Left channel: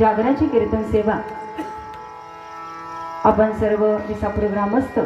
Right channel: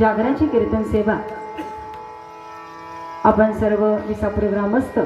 जागराची कीर्तन सेवा आपण सर्व विसापूर ग्रामस्थ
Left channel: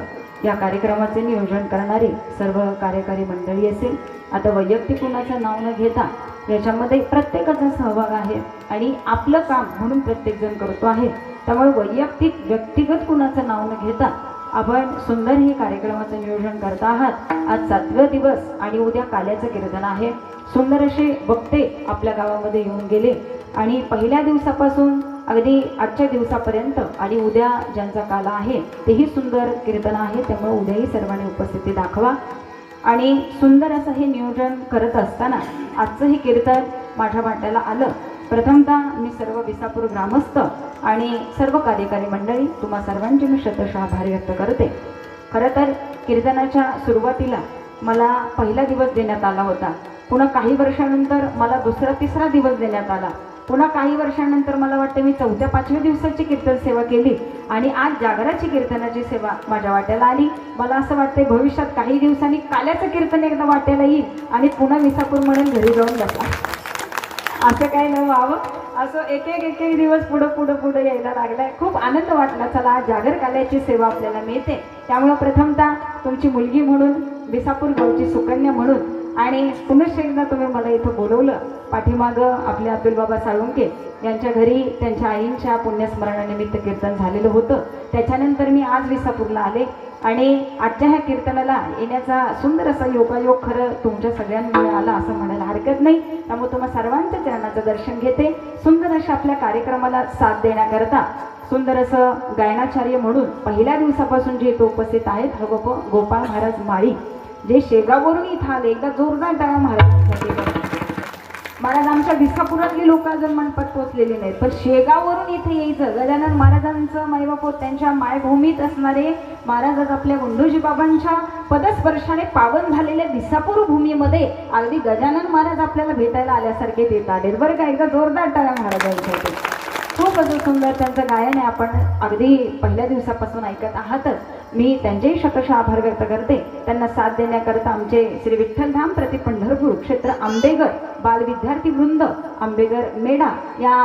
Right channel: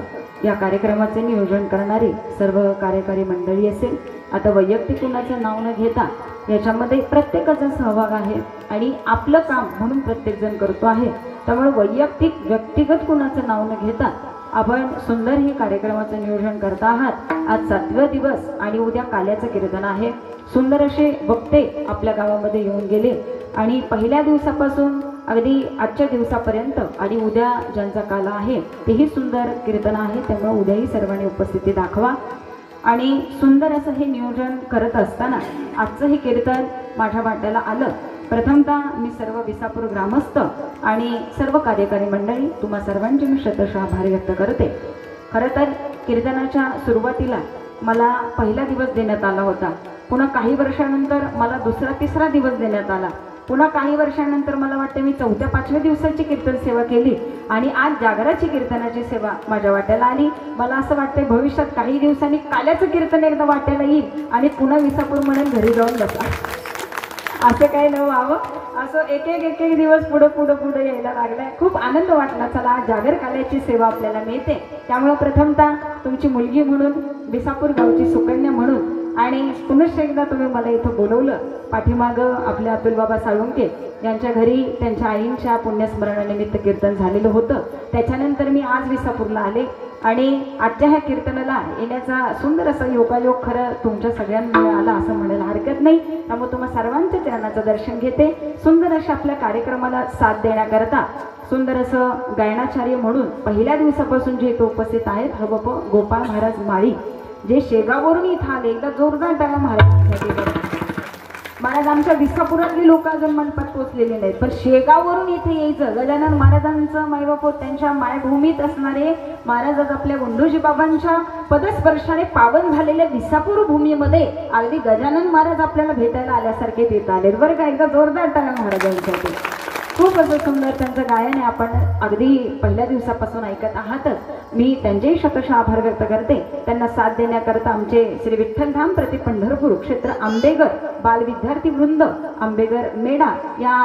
या कार्यक्रमाचे नियोजन करणारे सर्व कार्यकारी मंडळी असेल, आता वैयक्तिक कुणाचं नाव न घेता याच्यामध्ये प्रत्येकाचा सहभाग आहे आणि आपलं काम म्हणून प्रत्येक जण करतो आहे। त्यामुळे वैयक्तिक व्यक्तिगत कुणाचं नाव न घेता आपण सुंदर हे कार्यक्रमाचं नियोजन करत आहात। आज 7वा दिवस आणि उद्या काल्याचं कीर्तन आहे। सुंदर असे वक्ते आपल्या गावामध्ये येऊन गेले आणि पहिल्या दिवसापासून अगदी आजच्या दिवसापर्यंत आणि उद्या ज्यांचा काला आहे तेही सुंदर कीर्तन आहे। त्यामुळे उद्याही सर्वांनी उपस्थिती दाखवा आणि सुंदर असं हे नियोजन करत असताना आजचं हे कीर्तन माझ्या वाट्याला आलं। प्रथमतः मी सर्व विसापूर ग्रामस्थ आणि सर्व कार्यकारी मंडळी तुम्हा सर्वांचे मी शतशः आभार व्यक्त करते। खरं तर कीर्तनाच्या सुरुवातीला मला पहिला दिवस देण्यात आला होता, पुन्हा काही वर्षानंतर मला दुसरा तिसरा दिवस देण्यात आला, पुन्हा काही वर्षानंतर मला वाटतं मी 4-5व्या दिवसाची कीर्तन सेवा केली आणि आज जागराची कीर्तनाची सेवा माझ्या वाट्याला आली। मला असं वाटतंय भविष्यात काही दिवसांनी काल्याचं कीर्तन एकदा वाट्याला येईल आणि पुन्हा विसापूर म्हणून घरी जाऊन बसा, असं काही न व्हावं। असं एक एक दिवस पुढे यायला लागलाय। खूप आनंद वाटला, चला आज जागर काल्याची सेवा आपल्याला मिळते। त्यामुळे प्रथमतः तुमची मुलगी म्हणून, विसापूर गावची सुकन्या म्हणून आणि पुनश्च एकदा तुम्ही मला इथं बोलवलं। पाठीमाग आपले अतुल बाबा साळुंके यांच्या घरी त्यांच्या आईंच्या पुण्यस्मरणानिमित्त कीर्तन झालेलं होतं। त्याच्यानंतर मी आज विसापूरला आले आणि आजच्या ह्या कीर्तनाला येण्याचा सुंदर असा योगायोग खरं तुमच्या सगळ्यांमुळे आला असं म्हणायला हरकत नाही। त्यामुळे तुम्हा सर्वांच्या चरणाचं दर्शन घेते। सुंदर अशा आपल्या कार्यक्रमाला साथ देण्याकरता सुंदर असं गायनाचार्य म्हणून पहिल्या दिवसापासून जे इथं उपस्थित आहेत गोपाळ महाराज माळी, जे शेगाववरून इथं आले, एकदा जोरदार टाळ्या महाराज आमच्या विसापुरातली लोक अजून मनपात पोहोचलेले नाहीत, पण शेगाववरून इथे यायचं। गजानन महाराजांचं मायबाप त्यांच्या मायभूमीत असणारे महाराज आज आपल्या गुंडोजी बाबांच्या पदस्पर्शाने पावन झालेल्या विसापूर भूमीमध्ये अगदी गजानन महाराज आपल्याला भेटायला आल्यासारखे देत आले बरं का। एकदा जोरदार टाळ्या महाराजांसाठी। खूप असं सुंदर त्यांचं गायन आहे, आपण अगदी पहिल्या दिवसापासून ऐकत आहातच। मी त्यांचेही शतशः आभार व्यक्त करते। त्यांना साथ देण्याकरता आमचे श्री विठ्ठलधाम प्रति पंढरपूर क्षेत्र आंबेगर बाल विद्यार्थी वृंद आंबेगर मेडा या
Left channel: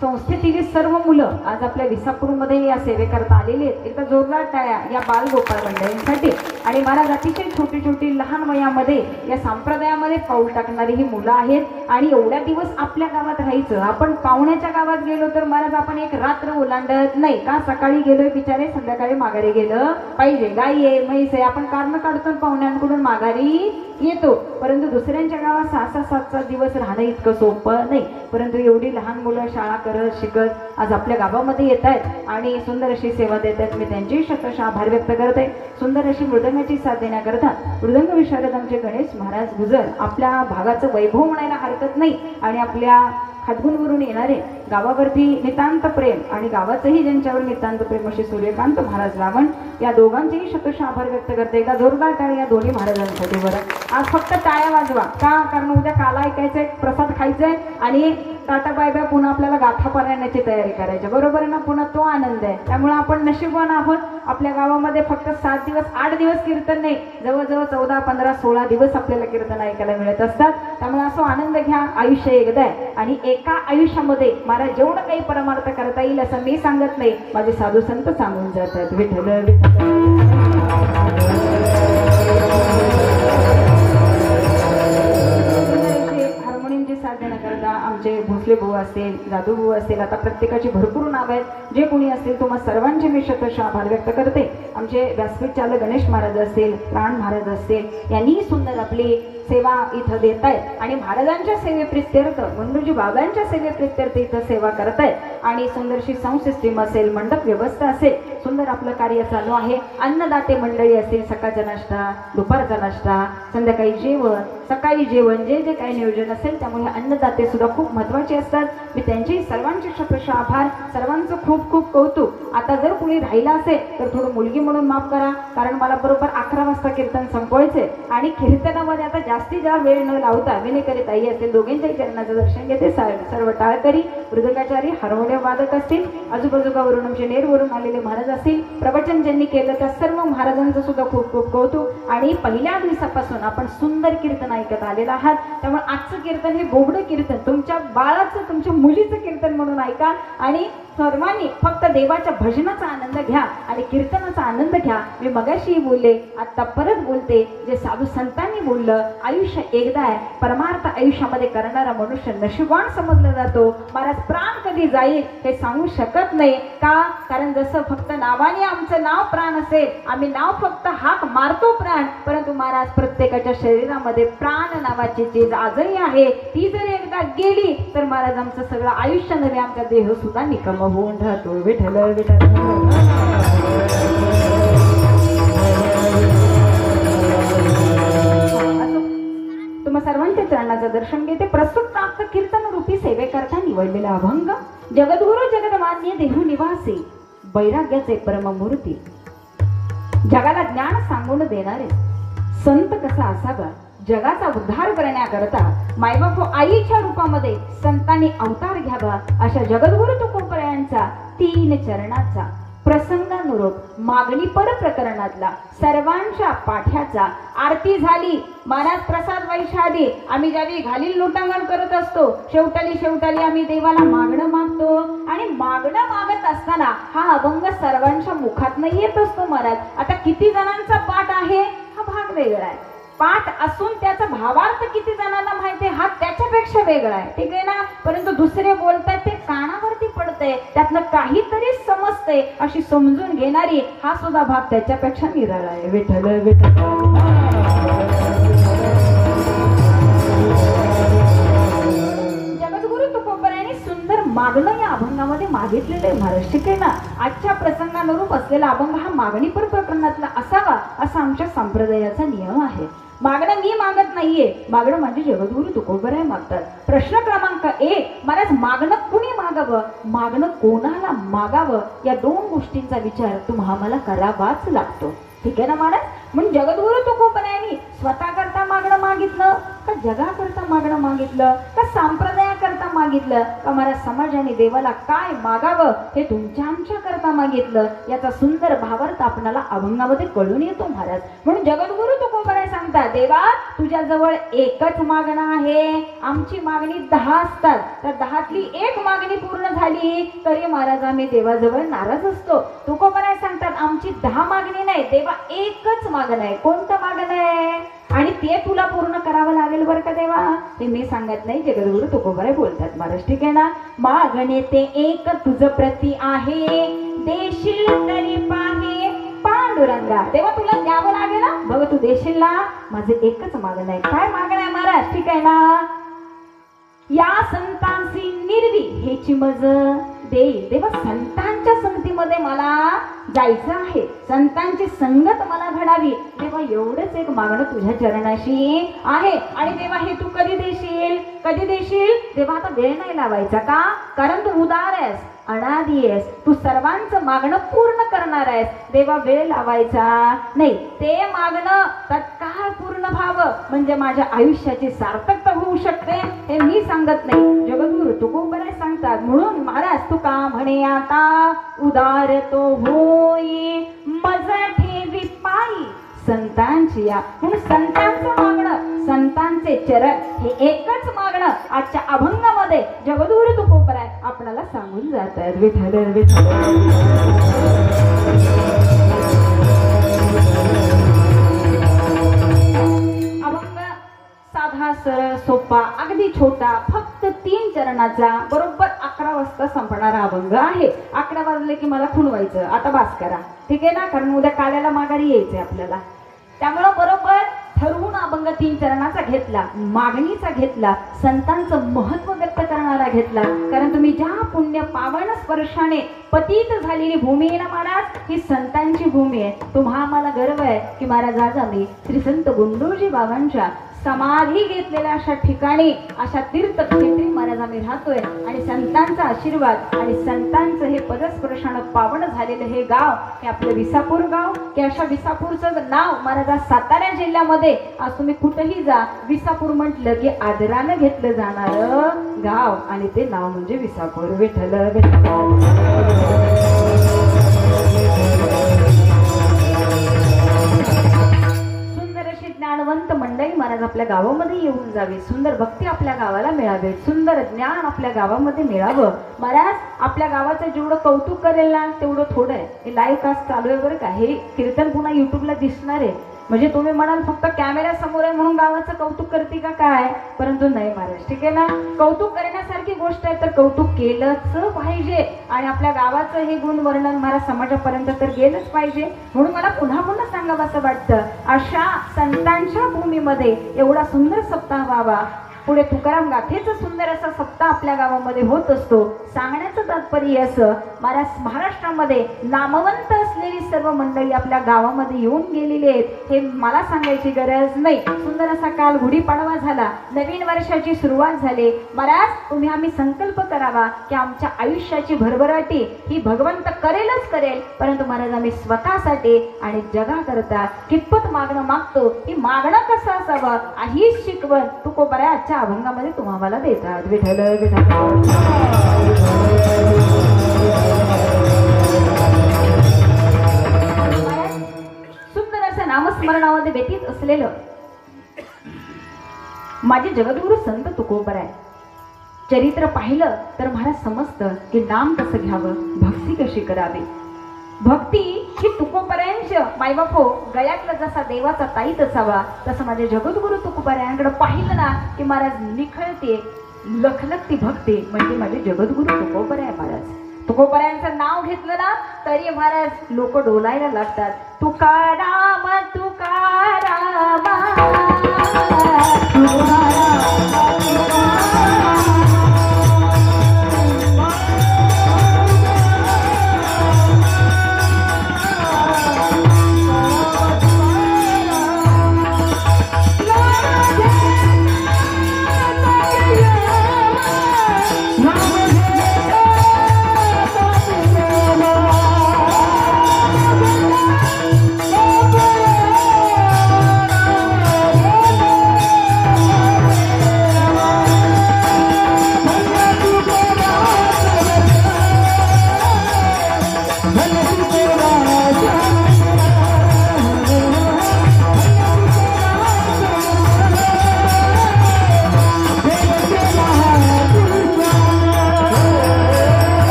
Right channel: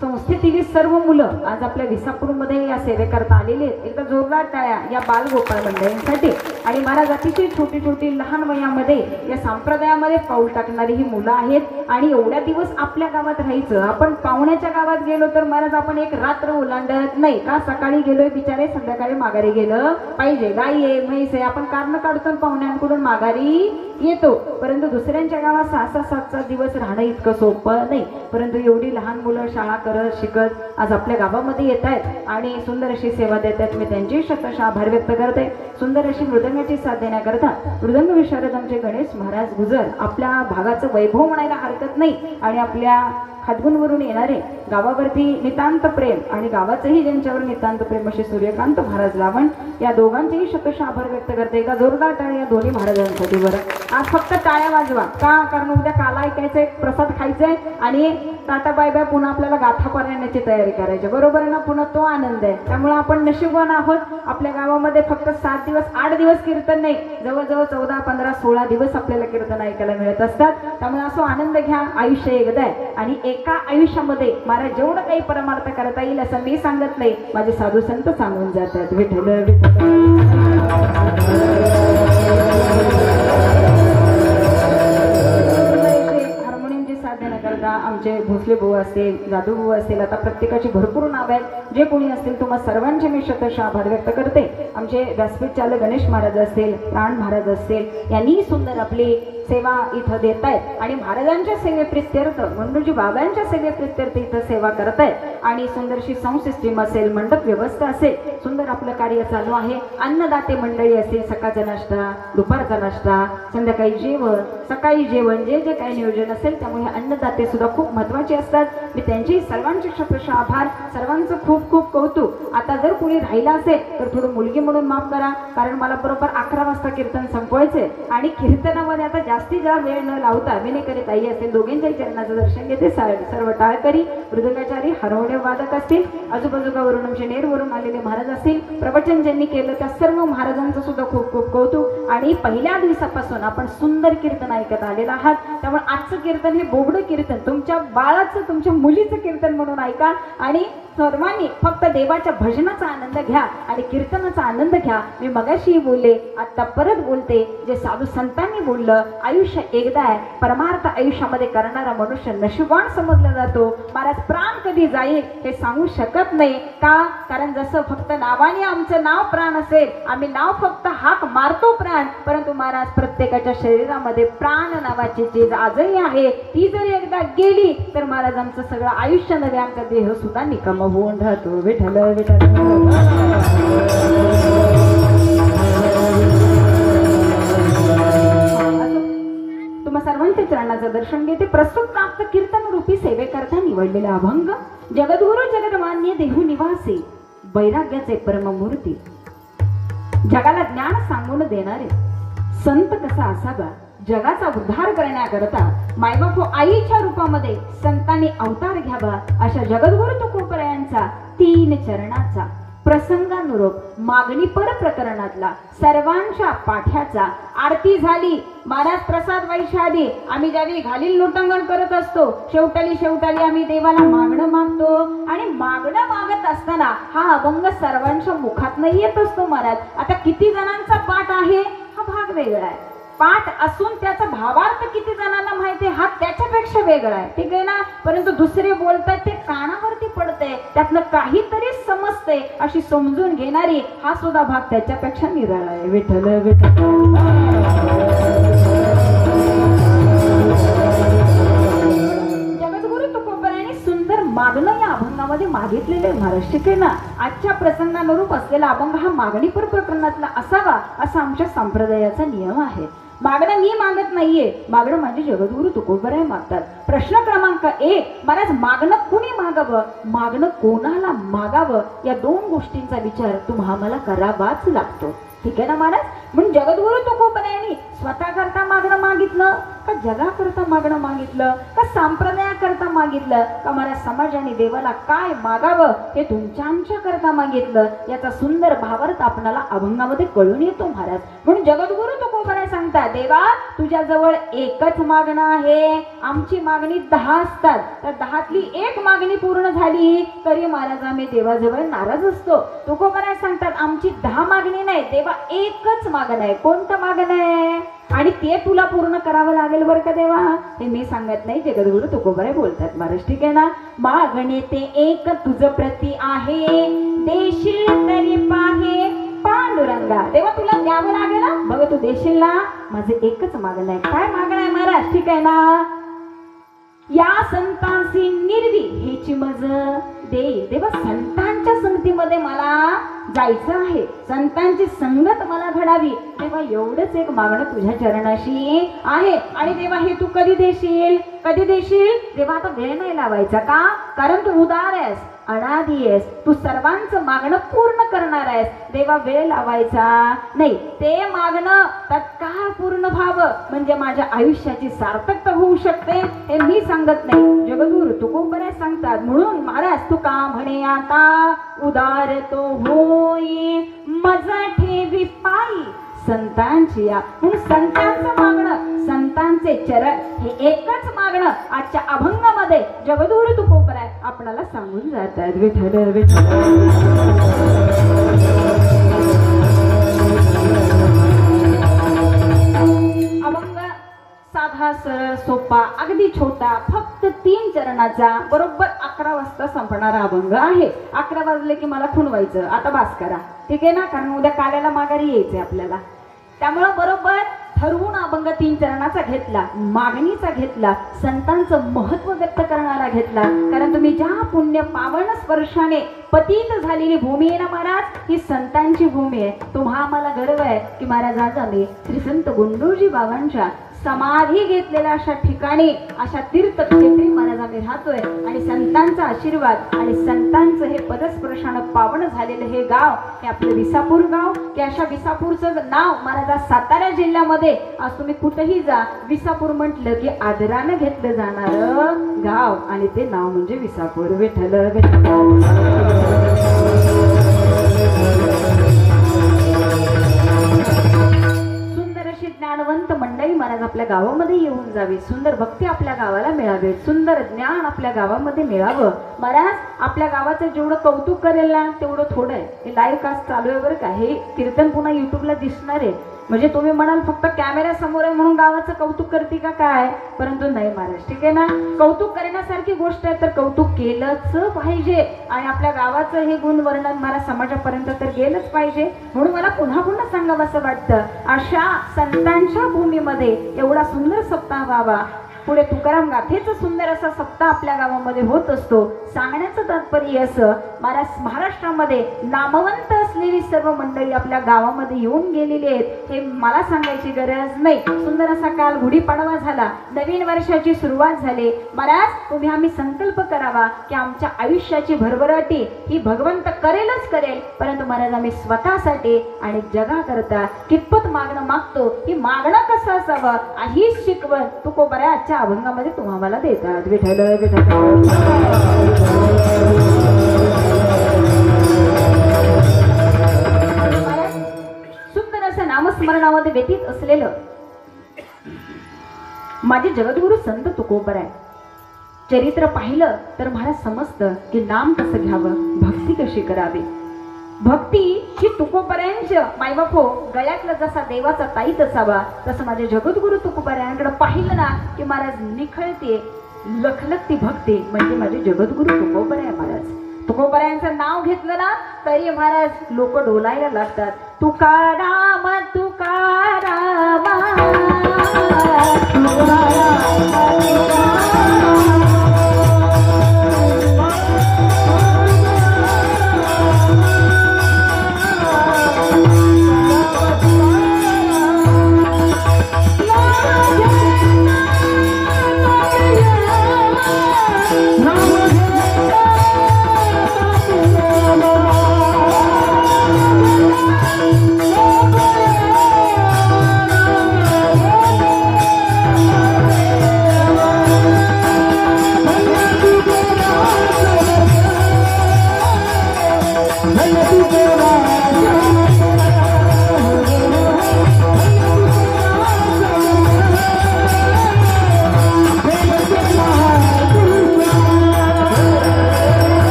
संस्थेतील सर्व मुलं आज आपल्या विसापूरमध्ये या सेवेकरता आलेले आहेत। एकदा जोरदार टाळ्या या बाल गोपाळ मंडळींसाठी। आणि महाराज अतिशय छोटी छोटी लहान वयामध्ये या संप्रदायामध्ये पाऊल टाकणारी ही मुलं आहेत आणि एवढ्या दिवस आपल्या गावात राहायचं। आपण पाहुण्याच्या गावात गेलो तर महाराज आपण एक रात्र ओलांडत नाही का, सकाळी गेलोय बिचारे संध्याकाळी माघारी गेलं पाहिजे, गाई आहे म्हैस आहे, आपण कारण काढतो पाहुण्यांकडून माघारी येतो। परंतु दुसऱ्यांच्या गावात 6-7 दिवस राहणं इतकं सोपं नाही। परंतु एवढी लहान मुलं शाळा करत शिकत आज आपल्या गावामध्ये येत आहेत आणि सुंदर अशी सेवा देत आहेत। मी त्यांची शतशः आभार व्यक्त करते। सुंदर अशी मृदंगाची साथ देण्याकरता मृदंग विशारद आमचे गणेश महाराज गुजर आपल्या भागाचं वैभव म्हणायला हरकत नाही आणि आपल्या हातगुणवरून येणारे गावावरती नितांत प्रेम आणि गावाचंही ज्यांच्यावर नितांत प्रेम असे सूर्यकांत महाराज लावण या दोघांचेही शतशः आभार व्यक्त करते। एकदा जोरदार टाळ्या या दोन्ही महाराजांसाठी बरं। आज फक्त टाळ्या वाजवा का, कारण उद्या काला ऐकायचंय, प्रसाद खायचंय आणि टाटा बाय बाय पुन्हा आपल्याला गाथा पारायणाची तयारी करायची, बरोबर ना। पुन्हा तो आनंद आहे। त्यामुळे आपण नशीबवान आहोत। आपल्या गावामध्ये फक्त 7 दिवस 8 दिवस कीर्तन नाही, जवळजवळ 14, 15, 16 दिवस आपल्याला कीर्तन ऐकायला मिळत असतात। त्यामुळे असं आनंद घ्या, आयुष्य एकदा आहे आणि एका आयुष्यामध्ये मला जेवढं काही परमार्थ करता येईल असं मी सांगत नाही, माझे साधू संत सांगून जातात। विठ्ठल हार्मोनियमची साथ देण्याकरता आमचे भोसले भाऊ असेल, जाधव भाऊ असेल, आता प्रत्येकाची भरपूर नाव आहेत। जे कोणी असतील तुम्हा सर्वांचे मी शतशः आभार व्यक्त करते। आमचे व्यासपीठ चालक गणेश महाराज असतील, प्राण महाराज असतील, यांनी सुंदर आपली सेवा इथं देत आहेत आणि महाराजांच्या सेवेप्रित्यर्थ मंडोजी बाबांच्या सेवेप्रित्यर्थ इथं सेवा करत आहेत आणि सुंदरशी साऊंड सिस्टीम असेल, मंडप व्यवस्था असेल, सुंदर आपलं कार्य चालू आहे। अन्नदाते मंडळी असतील, सकाळचा नाश्ता, दुपारचा नाश्ता, संध्याकाळी जेवण, सकाळी जेवण, जे जे काही नियोजन असेल त्यामुळे अन्नदाते सुद्धा खूप महत्वाचे असतात। मी त्यांचे सर्वांचे शतशः आभार, सर्वांचं खूप खूप कौतुक। आता जर कुणी राहिला असेल तर थोडं मुलगी म्हणून माफ करा, कारण मला बरोबर 11 वाजता कीर्तन संपवायचे आणि कीर्तनामध्ये आता जास्ती जा वेळ न लावता विनेकरी ताई असेल दोघांच्या चरणाचं दर्शन घेते. सर्व टाळकरी मृदंगाचारी हार्मोनियम वादक असतील, आजूबाजूवरून आमचे नेरवरून आलेले महाराज असतील, प्रवचन ज्यांनी केलं त्या सर्व महाराजांचं सुद्धा खूप खूप कौतुक. आणि पहिल्या दिवसापासून आपण सुंदर कीर्तन ऐकत आलेलं आहात. त्यामुळे आजचं कीर्तन हे बोबडं कीर्तन तुमच्या बाळाचं तुमच्या मुलीचं कीर्तन म्हणून ऐका आणि सर्वांनी फक्त देवाच्या भजनाचा आनंद घ्या आणि कीर्तनाचा आनंद घ्या. मी मगाशी बोलले, आता परत बोलते, जे साधू संतांनी बोललं, आयुष्य एकदा आहे. परमार्थ आयुष्यामध्ये करणारा मनुष्य नशिबान समजला जातो. महाराज प्राण कधी जाईल ते सांगू शकत नाही का? कारण जसं फक्त नावाने आमचं नाव प्राण असेल, आम्ही नाव फक्त हाक मारतो प्राण, परंतु महाराज प्रत्येकाच्या शरीरामध्ये प्राण नावाची चीज आजही आहे. ती जर एकदा गेली तर महाराज आमचं सगळं आयुष्य नव्हे, आमचा देह सुद्धा निकम होऊन राहतो. विठ्ठल विठ्ठल. तुम्हा सर्वांच्या चरणाचं दर्शन घेते. प्रस्तुत प्राप्त कीर्तन रूपी सेवेकरता निवडलेला अभंग जगद्गुरु जगदमान्य देहू निवासी वैराग्याचे परममूर्ती, जगाला ज्ञान सांगून देणारे संत कसा असावा, जगाचा उद्धार करण्याकरता मायबाप आईच्या रूपामध्ये संतांनी अवतार घ्यावा, अशा जगद्गुरु तुकोबरायांचा 3 चरणाचा प्रसंगानुरूप मागणी पर प्रकरणातला सर्वांच्या पाठ्याचा आरती झाली. महाराज प्रसाद वैशाली आम्ही ज्यावेळी घालील लोटांगण करत असतो, शेवटाली आम्ही देवाला मागणं मागतो आणि मागणं मागत असताना हा अभंग सर्वांच्या मुखातनं येत असतो. महाराज आता किती जणांचा पाठ आहे हा भाग वेगळा आहे, पाठ असून त्याचा भावार्थ किती जणांना माहिती हा त्याच्यापेक्षा वेगळा आहे, ठीक आहे ना. परंतु दुसरे बोलतात ते कानावरती पडते, त्यातलं काहीतरी समजते अशी समजून घेणारी हा सुद्धा भाग त्याच्यापेक्षा निराळा आहे. विठ्ठल विठ्ठल. जगद्गुरु तुकोबरायांनी सुंदर मागणं या अभंगामध्ये मागितलेले महाराज, ठीक आहे ना. आजच्या प्रसंगानुरूप असलेला अभंग हा मागणी पर प्रकरणातला असावा असा आमच्या संप्रदायाचा नियम आहे. मागणं मी मागत नाहीये, मागणं माझे जगद्गुरु तुकोबराय मागतात. प्रश्न क्रमांक 1, महाराज मागणं कुणी मागावं, मागणं कोणाला मागावं, या 2 गोष्टींचा विचार तुम्हाला मला करावाच लागतो, ठीक आहे ना महाराज. म्हणून जगद्गुरु तुकोबरायांनी स्वतः करता मागणं मागितलं का जगाकरता मागणं मागितलं का संप्रदायाकरता मागितलं का महाराज समाजाने देवाला काय मागावं हे तुमच्या आमच्या करता मागितलं, याचा सुंदर भावार्थ आपल्याला अभंगामध्ये कळून येतो महाराज. म्हणून जगद्गुरु तुकोबराय सांगतात, देवा तुझ्या जवळ एकच मागणं आहे, आमची मागणी 10 असतात, तर 10तली 1 मागणी पूर्ण झाली तरी महाराज आम्ही देवाजवळ नाराज असतो. तुकोबराय सांगतात आमची 10 मागणी नाही, देवा एकच मागणं आहे. कोणतं मागणं आहे आणि ते तुला पूर्ण करावं लागेल बरं का देवा, ते मी सांगत नाही, जगद्गुरु तुकोबराय बोलतात महाराज, ठीक आहे ना. मागणे ते एक तुझ प्रती आहे, देशील तरी पाहे पांडुरंगा. देवा तुला द्यावं लागेल ना, बघ तू देशील ना, माझं एकच मागणं आहे. काय मागणं आहे महाराज, ठीक आहे ना. या संतांची निर्वी हेची मज देईल. देवा संतांच्या संगतीमध्ये मला जायचं आहे, संतांची संगत मला घडावी. देवा एवढंच एक मागणं तुझ्या चरणाशी आहे. आणि देवा हे तू कधी देशील, कधी देशील. देवा आता वेळ नाही लावायचा का, कारण तू उदार आहेस, अनादी आहेस, तू सर्वांचं मागणं पूर्ण करणार आहेस. देवा वेळ लावायचा नाही, ते मागणं तत्काळ पूर्ण व्हावं म्हणजे माझ्या आयुष्याची सार्थकता होऊ शकते, हे मी सांगत नाही, जगद्गुरु तुकोबराय सांगतात. म्हणून महाराज तुका म्हणे आता उदार तो होई मज ठेवी पायी संतांची या. म्हणून संतांचं मागणं, संतांचे चरण हे एकच मागणं आजच्या अभंगामध्ये जगद्गुरु तुकोबराय आपल्याला सांगून जातात. विठ्ठल विठ्ठल. अभंग साधा सरळ सोपा अगदी छोटा, फक्त 3 चरणाचा, बरोबर 11 वाजता संपणारा अभंग आहे. 11 वाजले की मला खुणवायचं, आता बास करा, ठीक आहे ना, कारण उद्या काल्याला माघारी यायचंय आपल्याला. त्यामुळं बरोबर ठरवून अभंग 3 चरणाचा घेतला, मागणीचा घेतला, संतांचं महत्व व्यक्त करणारा घेतला. कारण तुम्ही ज्या पुण्य पावन स्पर्शाने पतित झालेली भूमी आहे ना महाराज, ही संतांची भूमी आहे. तुम्हा आम्हाला गर्व आहे की महाराज आज आम्ही श्री संत गुंडोजी बाबांच्या समाधी घेतलेल्या अशा ठिकाणी, अशा तीर्थक्षेत्री महाराज आम्ही राहतोय आणि संतांचा आशीर्वाद आणि संतांचं हे पदस्पर्शानं पावन झालेलं हे गाव, हे आपलं विसापूर गाव. की अशा विसापूरचं नाव महाराजा सातारा जिल्ह्यामध्ये आज तुम्ही कुठेही जा, विसापूर म्हटलं की आदरानं घेतलं जाणारं गाव आणि ते नाव म्हणजे विसापूर. विठ्ठल सुंदर अशी ज्ञानवंत मंडळी महाराज आपल्या गावामध्ये येऊन जावी, सुंदर भक्ती आपल्या गावाला मिळावे, सुंदर ज्ञान आपल्या गावामध्ये मिळावं. महाराज आपल्या गावाचं जेवढं कौतुक करेल ना तेवढं थोडं आहे. हे लाईव्ह कास्ट चालू आहे बरं का, हे कीर्तन पुन्हा युट्यूबला दिसणार आहे. म्हणजे तुम्ही म्हणाल फक्त कॅमेरा समोर आहे म्हणून गावाचं कौतुक करते का काय, परंतु नाही महाराज, ठीक आहे ना. कौतुक करण्यासारखी गोष्ट आहे तर कौतुक केलंच पाहिजे आणि आपल्या गावाचं हे गुण वर्णन महाराज समाजापर्यंत तर गेलंच पाहिजे. म्हणून मला पुन्हा पुन्हा सांगावं असं वाटतं, अशा संतांच्या भूमीमध्ये एवढा सुंदर सप्ताह व्हावा. पुढे तुकाराम गाथेचा सुंदर असा सप्ताह आपल्या गावामध्ये होत असतो. सांगण्याचं तात्पर्य असं, महाराष्ट्रामध्ये नामवंत असलेली सर्व मंडळी आपल्या गावामध्ये येऊन गेलेली आहेत, हे मला सांगायची गरज नाही. सुंदर असा काल गुढीपाडवा झाला, नवीन वर्षाची सुरुवात झाली. महाराज तुम्ही आम्ही संकल्प करावा की आमच्या आयुष्याची भरभराटी ही भगवंत करेलच करेल, परंतु महाराज आम्ही स्वतःसाठी आणि जगाकरता कितपत मागणं मागतो, ही मागणं कसं असावं हीच शिकवण तुकोबराच्या अभंगामध्ये तुम्हाला देतात. विठ्ठल विठ्ठल सुंदर असं नामस्मरणामध्ये व्यतीत असलेलं माझे जगद्गुरु संत तुकोबराय चरित्र पाहिलं तर मला समजतं की नाम कसं घ्यावं, भक्ती कशी करावी. भक्ती ही तुकोबरायांच्या मायबापो गळ्यातला जसा देवाचा ताईत असावा तसं माझे जगद्गुरु तुकोबरायांकडे पाहिलं ना की महाराज निखळते लखलखती भक्ती म्हणजे माझे जगद्गुरु तुकोबराय महाराज. तुकोबरायांचं नाव घेतलं ना तरी महाराज लोक डोलायला लागतात. तुकाराम तुकाराम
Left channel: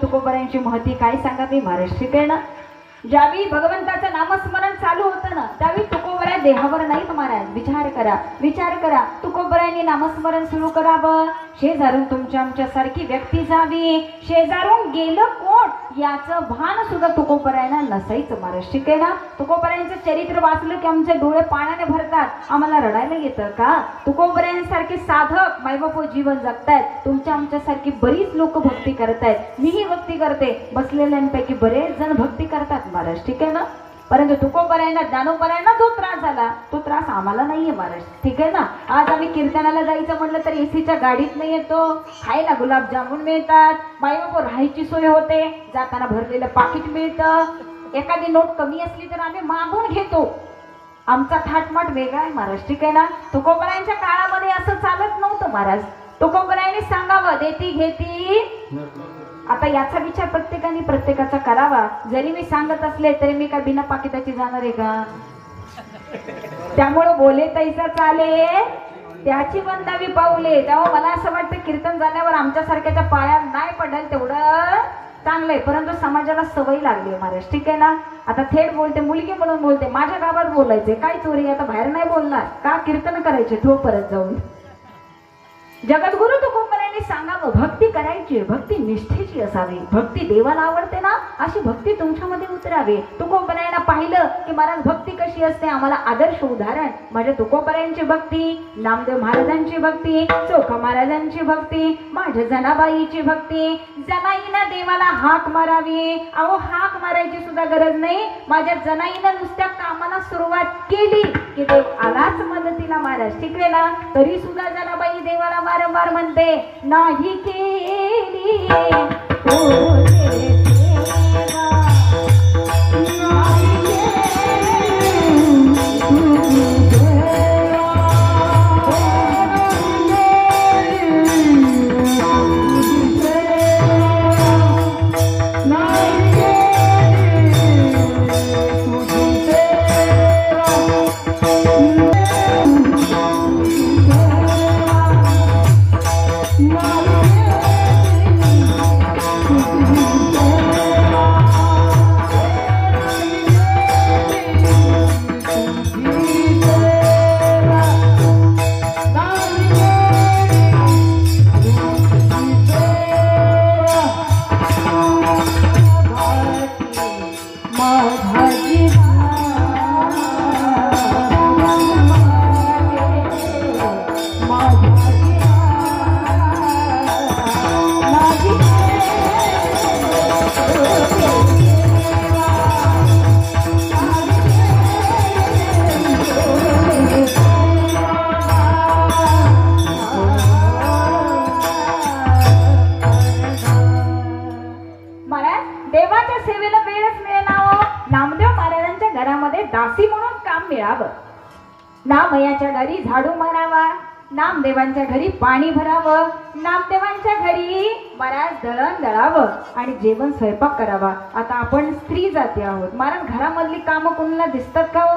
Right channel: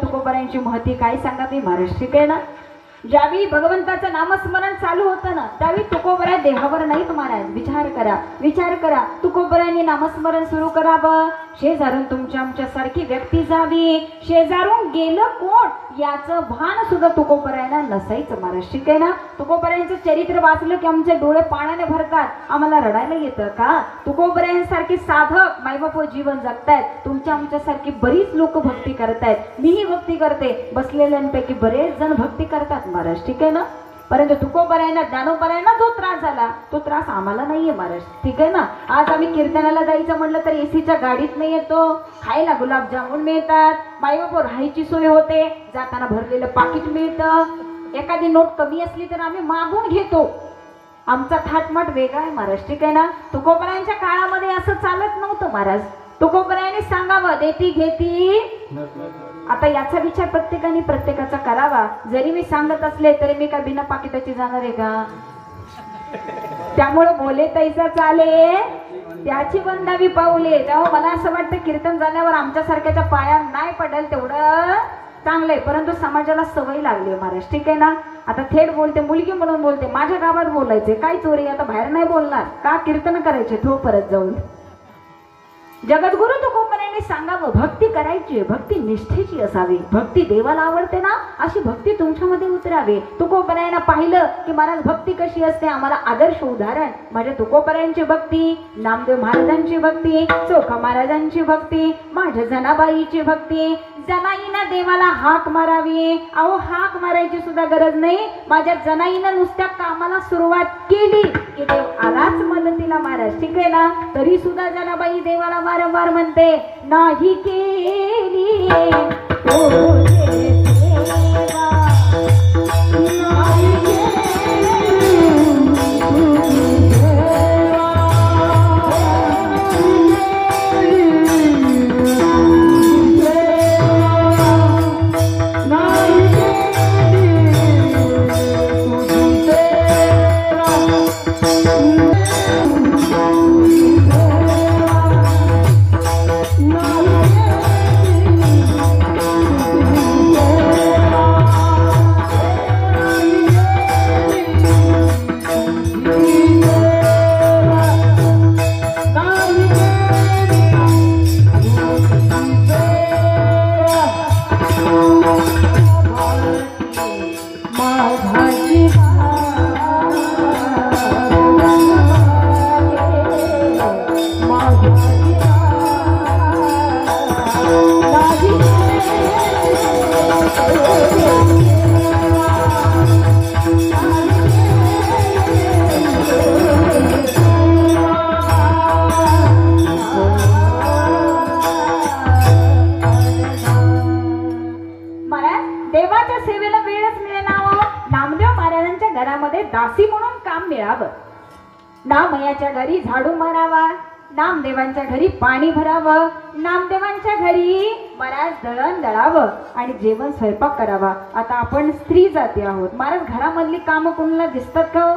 तुकोबरायांची महती काय सांगावी महाराज, ठीक आहे ना. ज्यावेळी भगवंताचं नामस्मरण चालू होतं ना त्यावेळी तुकोबराय देहावर नाही महाराज. विचार करा तुकोबरायांनी नामस्मरण सुरू करावं, शेजारून तुमच्या आमच्यासारखी व्यक्ती जावी, शेजारून गेलं कोण याचं भान सुद्धा तुकोबरायांना नसायचं महाराज, ठीक आहे ना. तुकोबरायांचं चरित्र वाचलं की आमचे डोळे पाण्याने भरतात, आम्हाला रडायला येतं का. तुकोबरायांसारखे साधक मायबाप जीवन जगतायत, तुमच्या आमच्यासारखी बरीच लोक भक्ती करतायत, मीही भक्ती करते, बसलेल्यांपैकी बरेच जण भक्ती करतात महाराज, ठीक आहे ना. परंतु तुकोबरायांना ज्ञानोबरायांना जो त्रास झाला तो त्रास आम्हाला नाहीये महाराज, ठीक आहे ना. आज आम्ही कीर्तनाला जायचं म्हटलं तर एसीच्या गाडीत नाही येतो, खायला गुलाबजामुन मिळतात, बाईबापू राहायची सोय होते, जाताना भरलेलं पाकिट मिळतं, एखादी नोट कमी असली तर आम्ही मागून घेतो. आमचा थाटमाट वेगळा आहे महाराज, ठीक आहे ना. तुकोबरायांच्या काळामध्ये असं चालत नव्हतं महाराज. तुकोबरायांनी सांगावं देती घेती. आता याचा विचार प्रत्येकाने प्रत्येकाचा करावा. जरी मी सांगत असले तरी मी का बिना पाकिटाची जाणार आहे का? त्यामुळे बोले तैसा चाले त्याची वंदावी पाऊले. त्यामुळे मला असं वाटतं कीर्तन झाल्यावर आमच्या सारख्याच्या पाया नाही पडेल तेवढं चांगलंय, परंतु समाजाला सवय लागली महाराज, ठीक आहे ना. आता थेट बोलते, मुलगी म्हणून बोलते. माझ्या गावात बोलायचे काय चोरी, आता बाहेर नाही बोलणार का? कीर्तन करायचे थो परत जाऊन. जगद्गुरु तुकोबरायांनी सांगावं भक्ती करायची, भक्ती निष्ठेची असावी. भक्ती देवाला आवडते ना अशी भक्ती तुमच्यामध्ये उतरावी. तुकोबरायांना पाहिलं की महाराज भक्ती कशी असते, आम्हाला आदर्श उदाहरण माझ्या तुकोबरायांची भक्ती, नामदेव महाराजांची भक्ती, चोखा महाराजांची भक्ती, माझ्या जनाबाईची भक्ती. जनाईनं देवाला हाक मारावी. अहो हाक मारायची सुद्धा गरज नाही. माझ्या जनाईनं नुसत्या कामाला सुरुवात केली की देव आलाच मदतीला महाराज, ठीक आहे ना. तरी सुद्धा जनाबाई देवाला वारंवार म्हणते नाही केली नामयाच्या घरी झाडू मारावा, नामदेवांच्या घरी पाणी भरावं, नामदेवांच्या घरी महाराज दळण दळावं आणि जेवण स्वयंपाक करावा. आता आपण स्त्री जाती आहोत महाराज. घरामधली कामं कोणाला दिसतात का हो?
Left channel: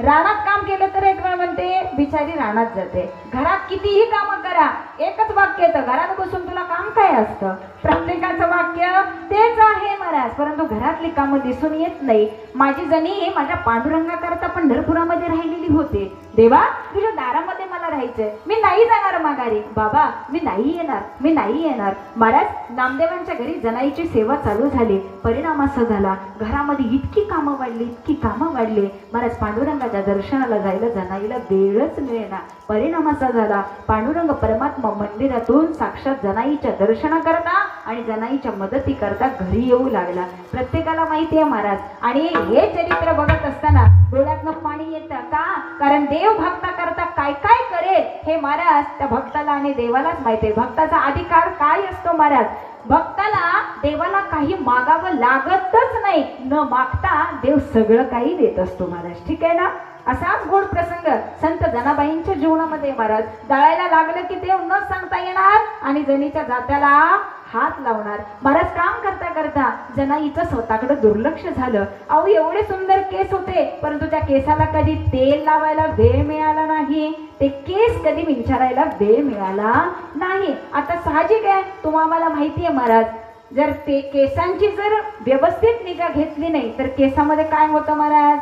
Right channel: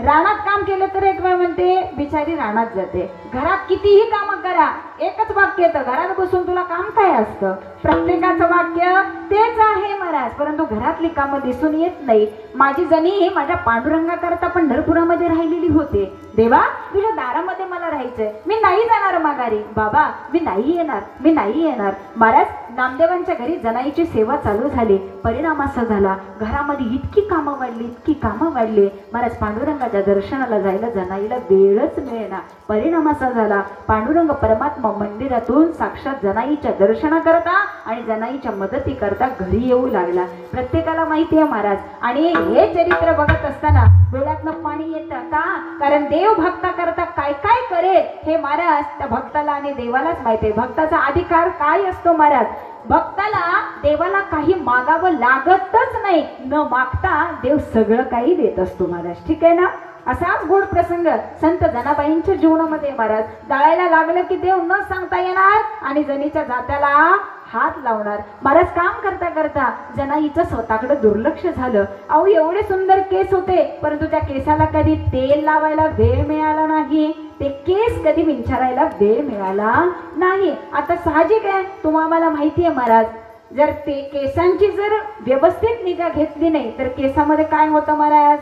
रानात काम केलं तर एक वेळ म्हणते बिचारी रानात जाते. घरात कितीही कामं करा एकच वाक्य येतं, घरात बसून तुला काम काय असतं? प्रत्येकाचं वाक्य तेच आहे महाराज, परंतु घरातली कामं दिसून येत नाही. माझी जणी हे माझ्या पांडुरंगाकरता पंढरपुरामध्ये राहिलेली होते. देवा तुझ्या दारामध्ये मला राहायचंय, मी नाही जाणार माघारी. बाबा मी नाही येणार, मी नाही येणार. महाराज नामदेवांच्या घरी जनाईची सेवा चालू झाली. परिणाम असा झाला घरामध्ये इतकी कामं वाढली, इतकी कामं वाढली महाराज पांडुरंगाच्या दर्शनाला जायला जनाईला वेळच मिळेना. परिणाम असा झाला पांडुरंग परमात्मा मंदिरातून साक्षात जनाईच्या दर्शनाकरता आणि जनाईच्या मदती करता घरी येऊ लागला. प्रत्येकाला माहिती आहे महाराज. आणि हे चरित्र बघत असताना डोळ्यातनं पाणी येतं का? कारण देव भक्ता करता काय काय करेल हे महाराज त्या भक्ताला आणि देवालाच माहिती आहे. भक्ताचा अधिकार काय असतो महाराज? भक्ताला देवाला काही मागावं लागतच नाही. न मागता देव सगळं काही देत असतो महाराज, ठीक आहे ना. असाच गोड प्रसंग संत जनाबाईंच्या जीवनामध्ये महाराज. दळायला लागलं की देव न सांगता येणार आणि जनीच्या जात्याला हात लावणार. महाराज काम करता करता जनाईचं स्वतःकडे दुर्लक्ष झालं. अहो एवढे सुंदर केस होते, परंतु त्या केसाला कधी तेल लावायला वेळ मिळाला नाही. ते केस कधी विंचारायला वेळ मिळाला नाही. आता साहजिक आहे, तुम्हाला माहिती आहे महाराज, जर ते केसांची जर व्यवस्थित निगा घेतली नाही तर केसामध्ये काय होतं महाराज?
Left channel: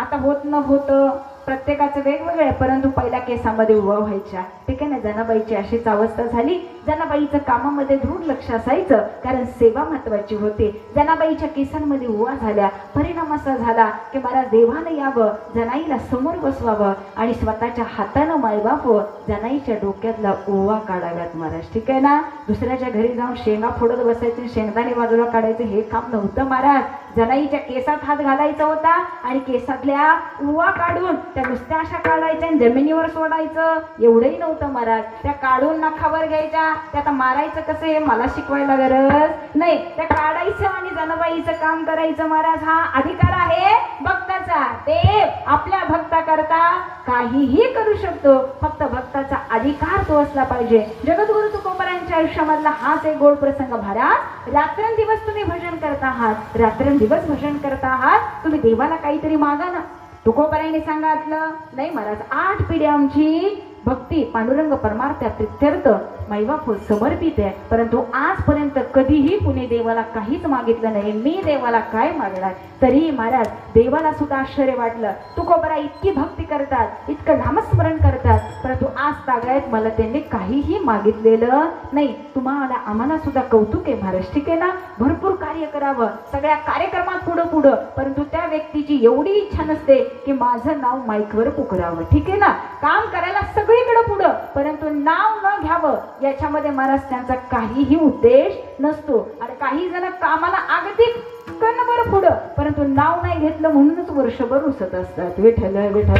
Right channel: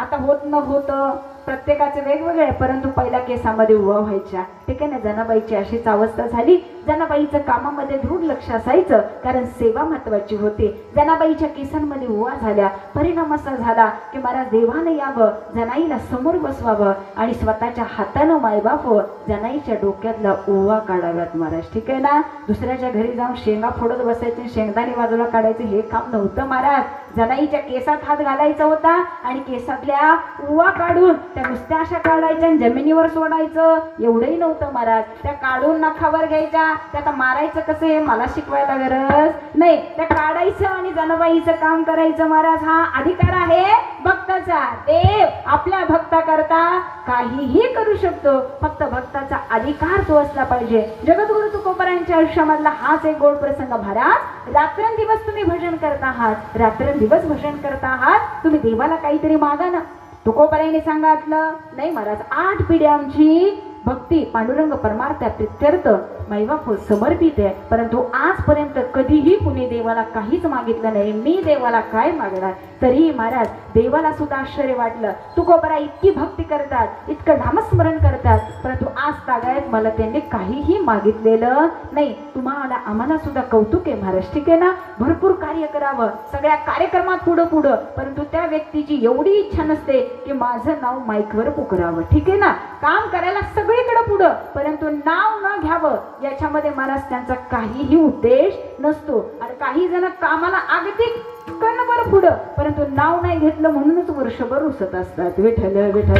आता होत न होतं प्रत्येकाचं वेगवेगळं, परंतु पहिल्या केसामध्ये उवा व्हायच्या, ठीक आहे ना. जनाबाईची अशीच अवस्था झाली. जनाबाईचं कामामध्ये दुर्लक्ष असायचं कारण सेवा महत्वाची होती. जनाबाईच्या केसांमध्ये उवा झाल्या. परिणाम असा झाला की महाराज देवाने यावं, जनाईला समोर बसवावं आणि स्वतःच्या हातानं मायबाप जनाईच्या डोक्यातला ओवा काढाव्यात महाराज, ठीक आहे ना. दुसऱ्याच्या घरी जाऊन शेंगा फोडत बसायचे, शेंगदाणे बाजूला काढायचे हे काम नव्हतं महाराज. जनाईच्या केसात हात घालायचा होता आणि केसातल्या उवा काढून त्या नुसत्या अशा काढायच्या आणि जमिनीवर सोडायचं एवढंही नव्हतं महाराज. त्या काढून नखावर घ्यायच्या, त्या आता मारायचं कसं हे मला शिकवायला गरज नाही. त्या काढायचं आणि जनाबाईचं काम करायचं महाराज. हा अधिकार आहे भक्ताचा. देव आपल्या भक्ता करता काहीही करू शकतो, फक्त भक्ताचा अधिकार तो असला पाहिजे. जगद्गुरु तुकोबारायांच्या आयुष्यामधला हाच एक गोड प्रसंग. महाराज रात्रंदिवस तुम्ही भजन करता आहात, रात्रंदिवस भजन करता आहात, तुम्ही देवाला काहीतरी मागा ना. तुकोबारायांनी सांगितलं नाही महाराज 8 पिढ्या आमची भक्ती पांडुरंग परमार्थ प्रित्यर्थ माईबाप समर्पित आहे, परंतु आजपर्यंत कधीही कुणी देवाला काहीच मागितलं नाही. मी देवाला काय मागणार. तरीही महाराज देवाला सुद्धा आश्चर्य वाटलं. तुकोबारा इतकी भक्ती करतात, इतकं नामस्मरण करतात, परंतु आज तागायत मला त्यांनी काहीही मागितलेलं नाही. तुम्हाला आम्हाला सुद्धा कौतुक आहे महाराज, ठीक आहे ना. भरपूर कार्य करावं, सगळ्या कार्यक्रमात पुढं, परंतु त्या व्यक्तीची एवढी इच्छा नसते की माझं नाव माईकवर पुकारावं, ठीक आहे ना. काम करायला सगळीकडे पुढं, परंतु नाव न घ्यावं याच्यामध्ये महाराज त्यांचा काहीही उद्देश नसतो. आणि काही जण कामाला अगदी कणभर पुढं, परंतु नाव नाही घेतलं म्हणूनच वर्षभर उसत असतात. विठ्ठल विठ्ठल